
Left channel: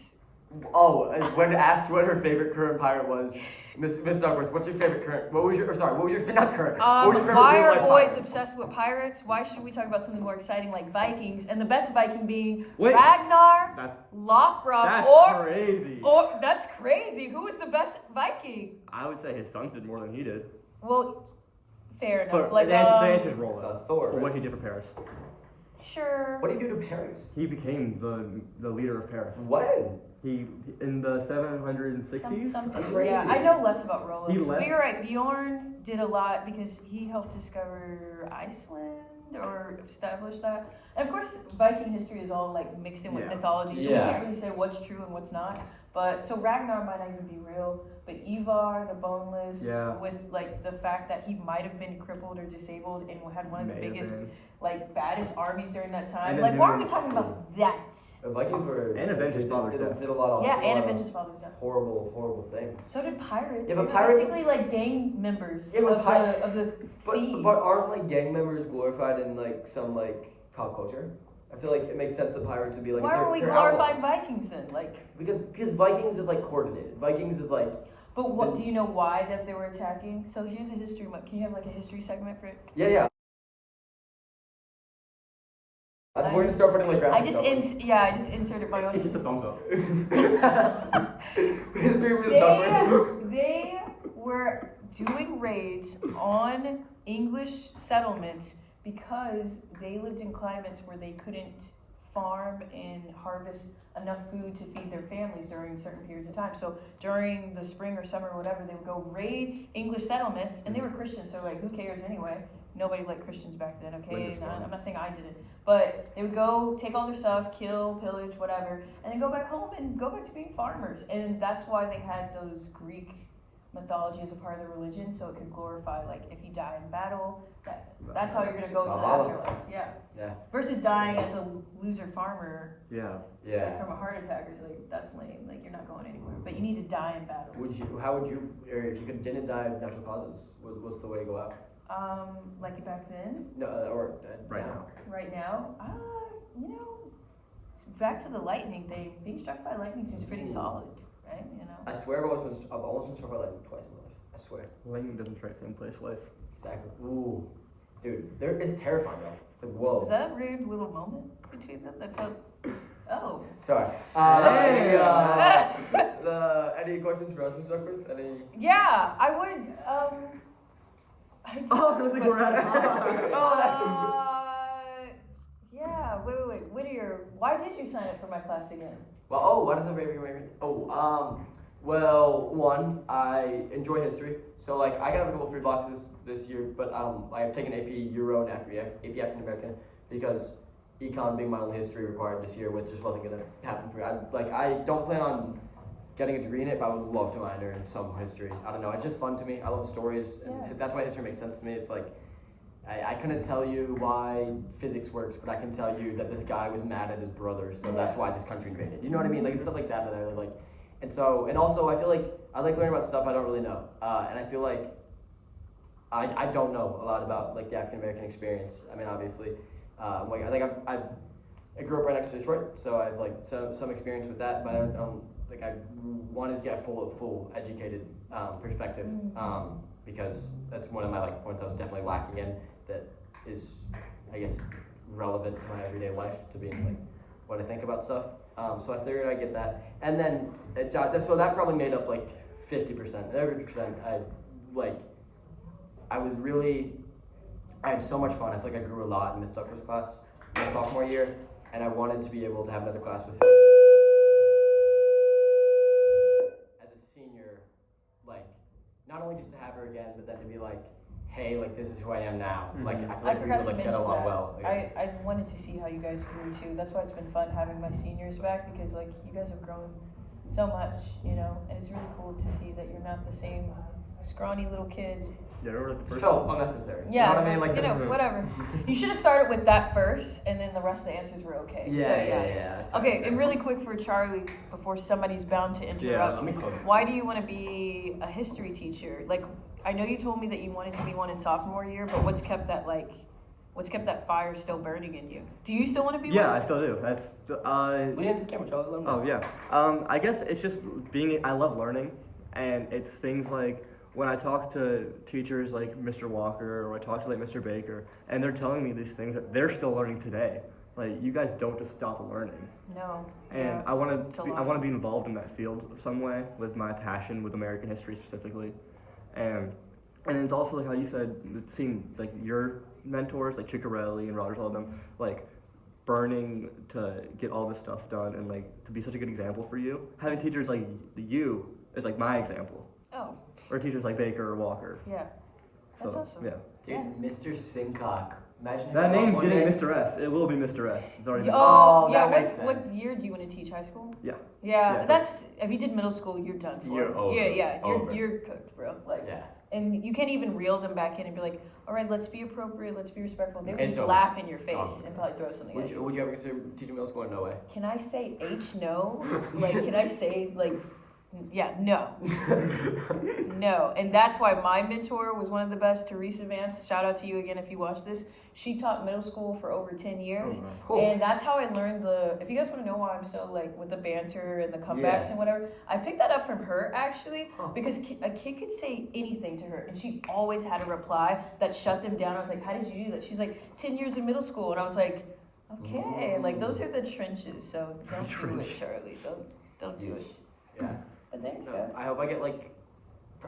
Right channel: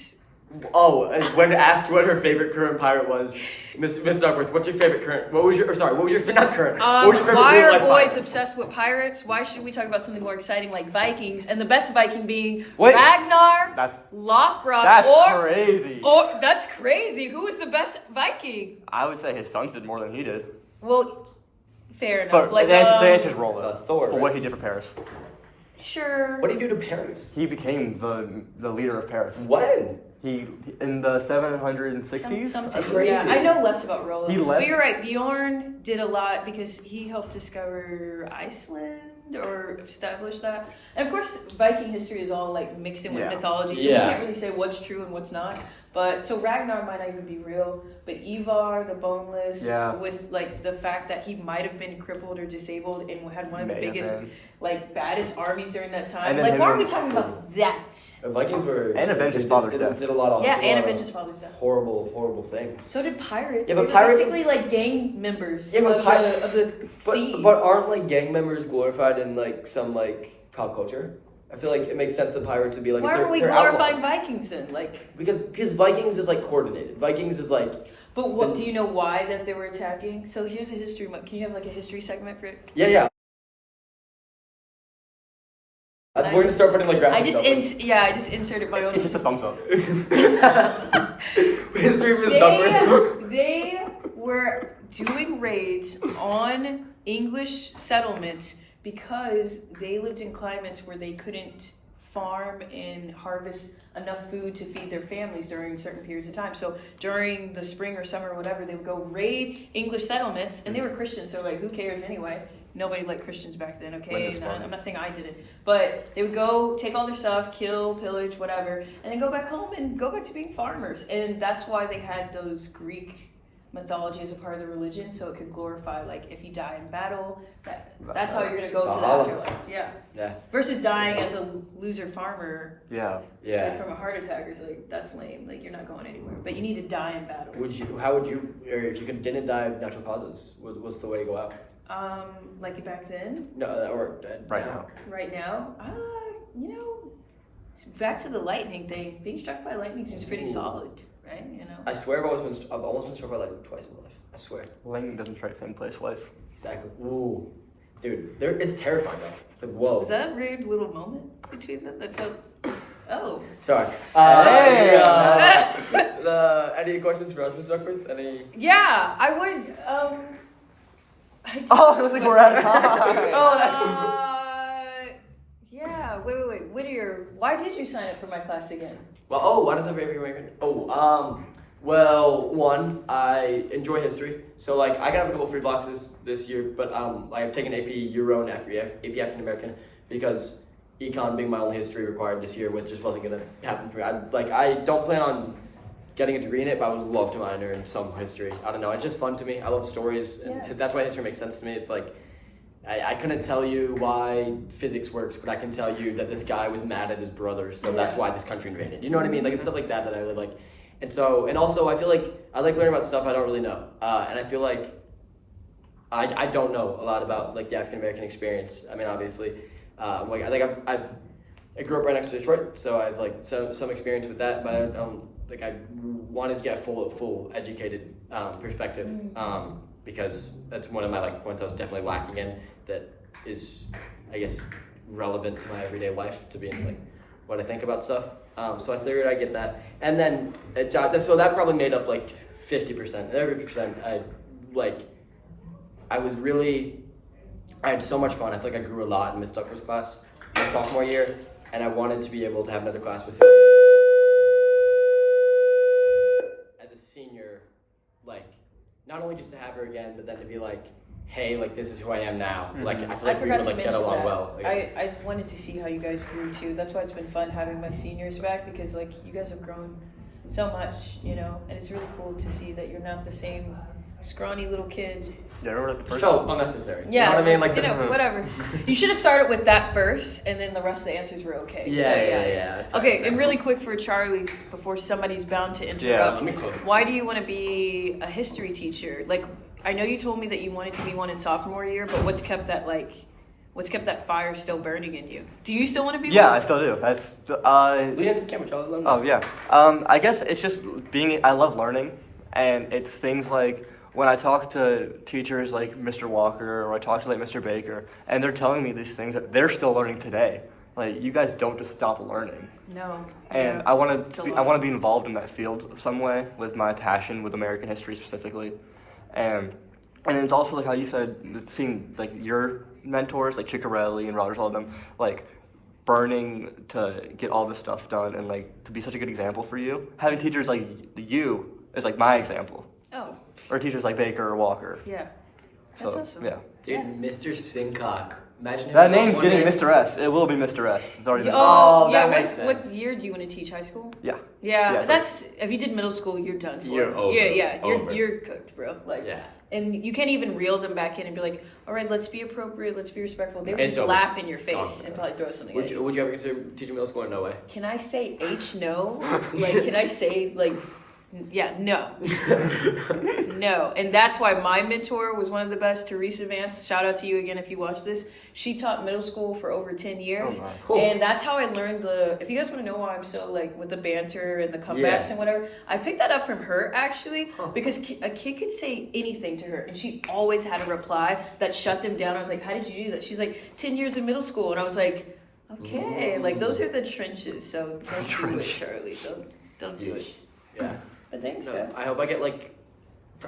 Oh, when asked what her favorite current pirate was, Miss Duckworth, what's your favorite current? What was your not current? What was your favorite Why real are life boys pirate? obsessed with pirates? Why should we talk about something more exciting like Vikings? And the best Viking being Wait. Ragnar That's Lothbrok, that's crazy. or that's crazy. Who is the best Viking? I would say his sons did more than he did. Well, fair enough. But Like, the answer's Rollo. Thor, For right? what he did for Paris. sure. What do you do to Paris? He became the leader of Paris. When? He in the 760s. Something. crazy. Yeah, I know less about Rollo. He left- But you're right. Bjorn did a lot because he helped discover Iceland or establish that. And of course, Viking history is all like mixed in with Yeah. mythology, so Yeah. we can't really say what's true and what's not. But so Ragnar might not even be real, but Ivar the Boneless, Yeah. with like the fact that he might have been crippled or disabled and had one of the May have biggest, been. like baddest armies during that time. And then Like, him why are and- we talking about that? The Vikings were And avenged his did- father's did, death. did a lot of Yeah, did a and lot of avenge his father's death. horrible things. So did pirates. Yeah, but They were pirates- basically like gang members Yeah, but of the But sea. but aren't like gang members glorified in like some like pop culture? I feel like it makes sense that pirates would be like Why they're, aren't we they're glorifying outlaws. Vikings then? Like, Because Vikings is like coordinated. Vikings is like but what do you know why that they were attacking? So here's a history. Can you have like a history segment for it? yeah. We're gonna start putting like I graphics just up. I just inserted my own. It's just a thumbs up. History of Miss Duckworth. They were doing raids on English settlements because they lived in climates where they couldn't farm and harvest enough food to feed their families during certain periods of time. So during the spring or summer or whatever, they would go raid English settlements, and they were Christians, so like, who cares anyway? Nobody liked Christians back then, okay? I'm not saying I didn't. But they would go take all their stuff, kill, pillage, whatever, and then go back home and go back to being farmers. And that's why they had those Greek mythology as a part of the religion, so it could glorify, like, if you die in battle, that's how you're going to go to the Valhalla. afterlife. Yeah. Yeah. Versus dying as a loser farmer Yeah. like, from a heart attack, or like, that's lame. Like, you're not going anywhere. But you need to die in battle. How would you, or if you didn't die of natural causes, what's the way to go out? Like back then, No, or Right now. right now, you know, back to the lightning thing. Being struck by lightning seems pretty Ooh. solid, right? You know. I swear I've almost been struck by lightning twice in my life. I swear. Lightning doesn't strike the same place twice. Exactly. Ooh. Dude, it's terrifying though. It's like, whoa. Was that a weird little moment between them that felt? Oh. Sorry. Hey, Any questions for us, Ms. Duckworth? Any? Yeah, I would. Oh, it looks like we're out of time. Oh, that's. Yeah. Wait. Whittier, why did you sign up for my class again? Well, why does everybody American? Well, one, I enjoy history, so like I got a couple free boxes this year, but I've taken AP Euro and AP African American because econ being my only history required this year, which just wasn't gonna happen for me. I don't plan on getting a degree in it, but I would love to minor in some history. I don't know, it's just fun to me. I love stories, and Yeah. that's why history makes sense to me. It's like I couldn't tell you why physics works, but I can tell you that this guy was mad at his brother, so that's why this country invaded. You know what I mean? Like it's stuff like that that I really like. And also I feel like I like learning about stuff I don't really know. And I feel like I don't know a lot about like the African American experience. I mean, obviously, I grew up right next to Detroit, so I've like some experience with that. But I wanted to get a full educated perspective because that's one of my like points I was definitely lacking in. That is I guess, relevant to my everyday life to being like what I think about stuff. So I figured I'd get that, and then so that probably made up like 50%. And every percent, I had so much fun. I feel like I grew a lot in Miss Duckworth's class my sophomore year, and I wanted to be able to have another class with her as a senior, like not only just to have her again, but then to be like, hey, like this is who I am now. Like I feel like we would like get along well. Again. I wanted to see how you guys grew too. That's why it's been fun having my seniors back, because like you guys have grown so much, you know, and it's really cool to see that you're not the same scrawny little kid. Yeah, remember the It first felt unnecessary. Yeah, You know what I mean? Like you this know, is whatever. You should have started with that first, and then the rest of the answers were okay. Yeah. That's fine, Okay, that's and fine. really quick for Charlie, before somebody's bound to interrupt. Let me close it. Why do you want to be a history teacher? Like, I know you told me that you wanted to be one in sophomore year, but what's kept that fire still burning in you? Do you still want to be Yeah, one? I still do. That's Lean into the camera, Charlie. Let 'em Oh know. yeah. I guess it's just I love learning, and it's things like when I talk to teachers like Mr. Walker or I talk to like Mr. Baker, and they're telling me these things that they're still learning today. Like you guys don't just stop learning. No. And Yeah. I want It's a to lot. I want to be involved in that field some way with my passion with American history specifically, and it's also like how you said seeing like your mentors like Ciccarelli and Rogers, all of them like burning to get all this stuff done and like to be such a good example for you. Having teachers like you is like my example, Oh, or teachers like Baker or Walker. yeah. That's So awesome. yeah, Dude, Mr. Sincock. Imagine him that going name's one getting day- Mr. S. It will be Mr. S. It's already been. Oh, yeah, that makes what sense. year do you want to teach? High school? Yeah. Yeah, Yeah, so- that's if you did middle school, you're done for. You're over. Yeah, Over. you're cooked, bro. Like, Yeah. and you can't even reel them back in and be like, all right, let's be appropriate, let's be respectful. They would It's just over. laugh in your face Gone. and probably throw something Would at you, you. would you ever consider teaching middle school or no way? Can I say H no? Like, can I say like, yeah, no, no. And that's why my mentor was one of the best, Teresa Vance. Shout out to you again if you watch this. She taught middle school for over 10 years. my. Cool. And that's how I learned if you guys want to know why I'm so like with the banter and the comebacks Yeah. and whatever, I picked that up from her actually, Huh. because a kid could say anything to her and she always had a reply that shut them down. I was like, how did you do that? She's like, 10 years in middle school. And I was like, okay, like those are the trenches. So don't do it, Charlie. Don't do it. Yeah. But thanks, No, Seth. I hope I get like,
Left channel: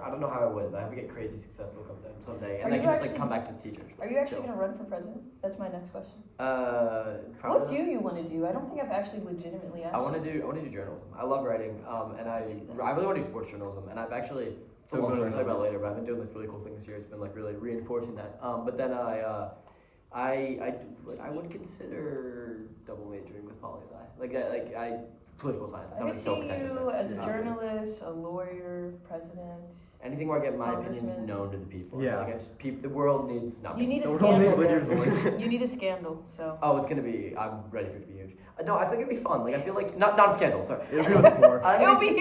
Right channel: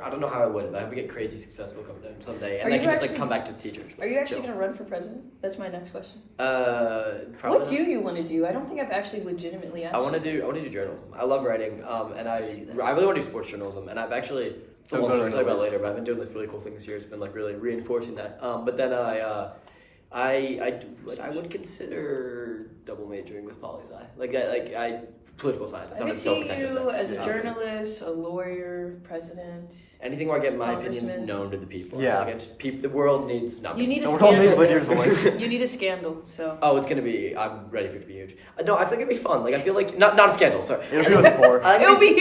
I don't know how I would, but I hope I get crazy successful someday, and Are I you can just like actually- come back to teachers. Are you actually Chill. going to run for president? That's my next question. Probably. What do you want to do? I don't think I've actually legitimately asked I want to you. do journalism. I love writing, and I see that. really want to do sports journalism, and I've actually, it's a long story I'll tell you about later, but I've been doing this really cool thing this year. It's been like really reinforcing that. But then I would consider double majoring with poli sci. Like political science. That I could sounded so see pretentious. you as a Um, journalist, a lawyer, president. Anything where I get my opinions Congressman. known to the people. Yeah. I feel like the world needs not You me. need a And we're all scandal. Whittier's voice. You need a scandal, so. Oh, it's gonna be. I'm ready for it to be huge. No, I think it'd be fun. Like I feel like not a scandal. Sorry. It'll be more. It'll be Dude,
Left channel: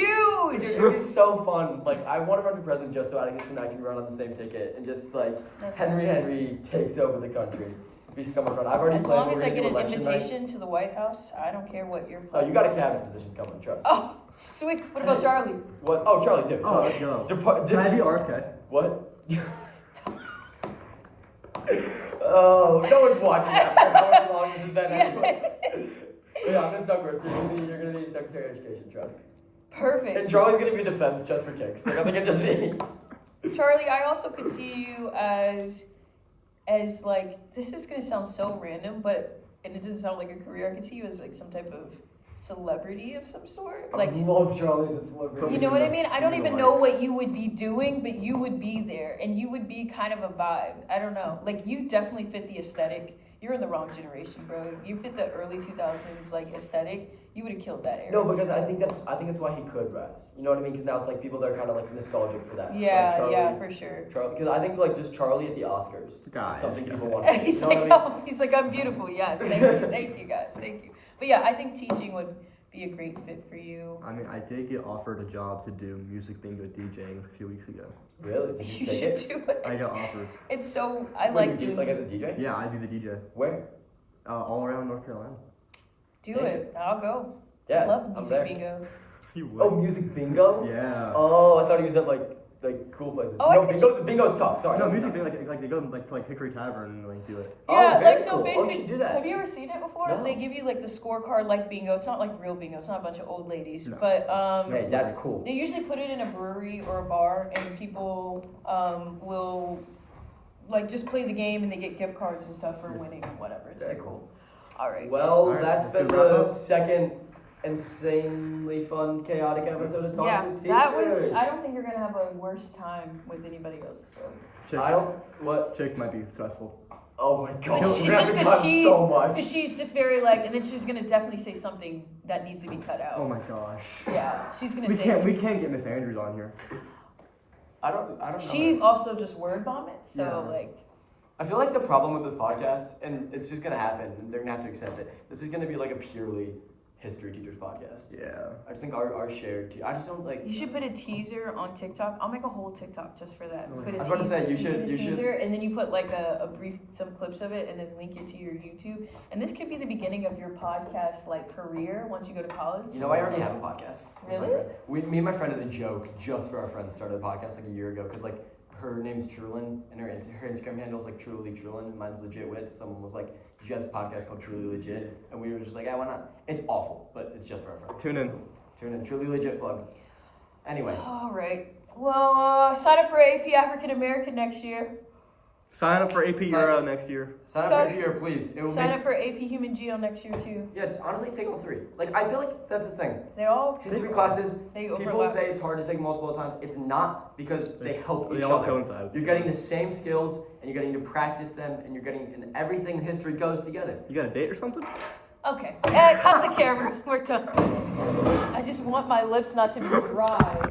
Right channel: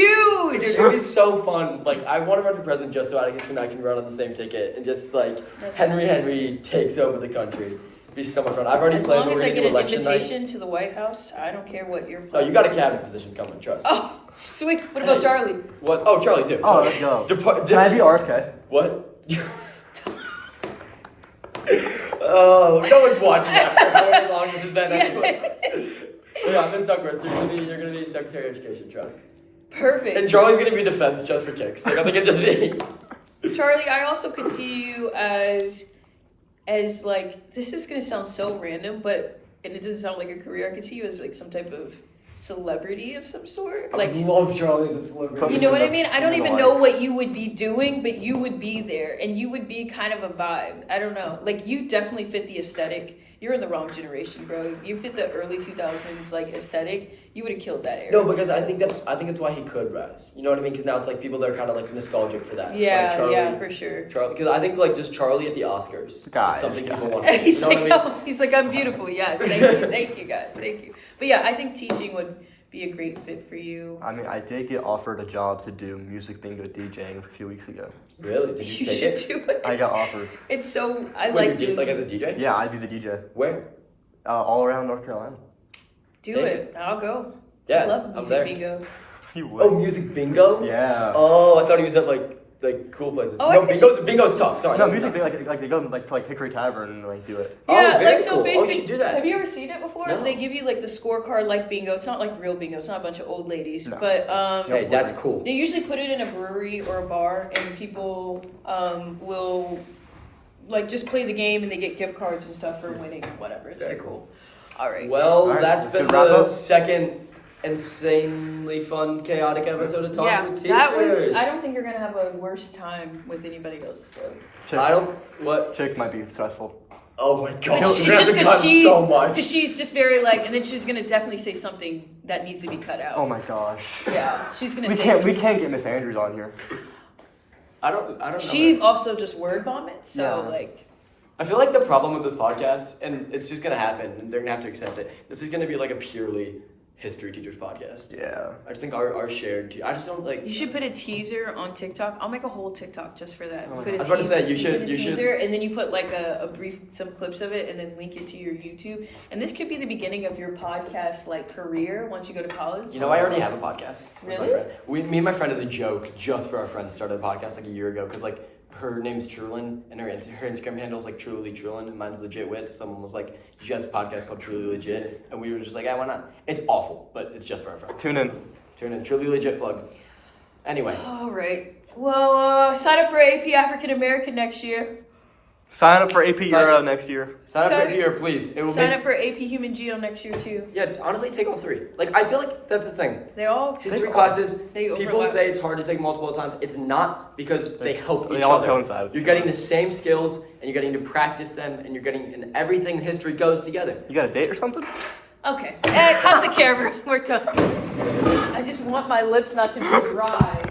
huge! it'd be so fun. Like I want to run for president just so I can run on the same ticket and just like Henry takes over the country. It'd be so much fun. I've already As played. long We're as I gonna get do an election night. invitation to the White House, I don't care what your Oh, you got a platform is. cabinet position coming. Trust. Oh, sweet. What about Charlie? What? Oh, Charlie too. Oh, let's go. Can I be RFK? What? Oh, no one's watching that for however long this has been anyway. Yeah, Miss Duckworth, you're gonna be Secretary of Education, trust. Perfect. And Charlie's gonna be defense just for kicks. Like I think it just be. Charlie, I also could see you as like, this is gonna sound so random, but and it doesn't sound like a career. I could see you as like some type of celebrity of some sort. Like, I love Charlie as a celebrity. you know what I mean? I don't even Right. know what you would be doing, but you would be there, and you would be kind of a vibe. I don't know. Like, you definitely fit the aesthetic. You're in the wrong generation, bro. You fit the early 2000s like aesthetic. You would have killed that era. No, because I think that's why he could rise. You know what I mean? Because now it's like people that are kind of like nostalgic for that. Yeah, like Charlie, yeah, for sure. Charlie, because I think like just Charlie at the Oscars Guys, is something people guys. want. You He's know like, what I mean? he's like, I'm beautiful. Yes, thank you guys, thank you. But yeah, I think teaching would be a great fit for you. I mean, I did get offered a job to do music bingo DJing a few weeks ago. Really? Did you take should it? do it. I got offered. It's so I Wait, like you did, doing like as a DJ? Yeah, I do the DJ. Where? All around North Carolina. do Take it. I'll go. Yeah, I love I'm music there. bingo. You Oh, music bingo? Yeah. Oh, I thought he was at like like cool places. Oh, no, I could- bingo's tough. Sorry. No, that was usually tough. they go to Hickory Tavern and like do it. Oh, Yeah, very like so cool. Oh, you basic. should do that. Have you ever seen it before? No. They give you like the scorecard like bingo. It's not like real bingo. It's not a bunch of old ladies. No. But Hey, that's cool. they usually put it in a brewery or a bar, and people will like just play the game, and they get gift cards and stuff for winning and whatever. It's Very like, cool. all right. Well, All right, that's let's been do wrap the up. second insanely fun, chaotic episode of Talks yeah, with Teachers. that was. I don't think you're gonna have a worse time with anybody else. So. I don't. What? Chick might be stressful. Oh my But god, she's we have just to because cut so much. she's just very like, and then she's gonna definitely say something that needs to be cut out. Oh my gosh. Yeah, she's gonna We say can't something. get Miss Andrews on here. I don't know. She also just word vomits, so Yeah. like. I feel like the problem with this podcast, and it's just gonna happen, and they're gonna have to accept it. This is gonna be like a purely history teachers podcast. Yeah. I just think our shared. I just don't like. You should put a teaser on TikTok. I'll make a whole TikTok just for that. Oh my Put a God. I was about to teas- say, you put should- a you should- teaser, and then you put like a brief, some clips of it, and then link it to your YouTube. And this could be the beginning of your podcast like career once you go to college. You know, I already have a podcast. With my Really? friend. Me and my friend, as a joke, just for our friends, started a podcast like a year ago because like her name's Trulin and her Instagram handle is like Truly Trulin and mine's Legit Wit. Someone was like, "You guys have a podcast called Truly Legit," and we were just like, "Yeah, why not?" It's awful, but it's just for our friends. Tune in. Tune in, Truly Legit plug. Anyway, All right. Well, sign up for AP African American next year. Sign up for AP Sign- Euro next year. sign up Sign- for here, please. It will Sign make. up for AP Human Geo next year too. Yeah, honestly, take all three. Like, I feel like that's the thing. They all. History classes, They people overlap. say it's hard to take multiple times. It's not because they help They each all other. coincide. You're getting the same skills, and you're getting to practice them, and you're getting, and everything in history goes together. You got a date or something? Okay. Cut the camera. We're done. I just want my lips not to be dry.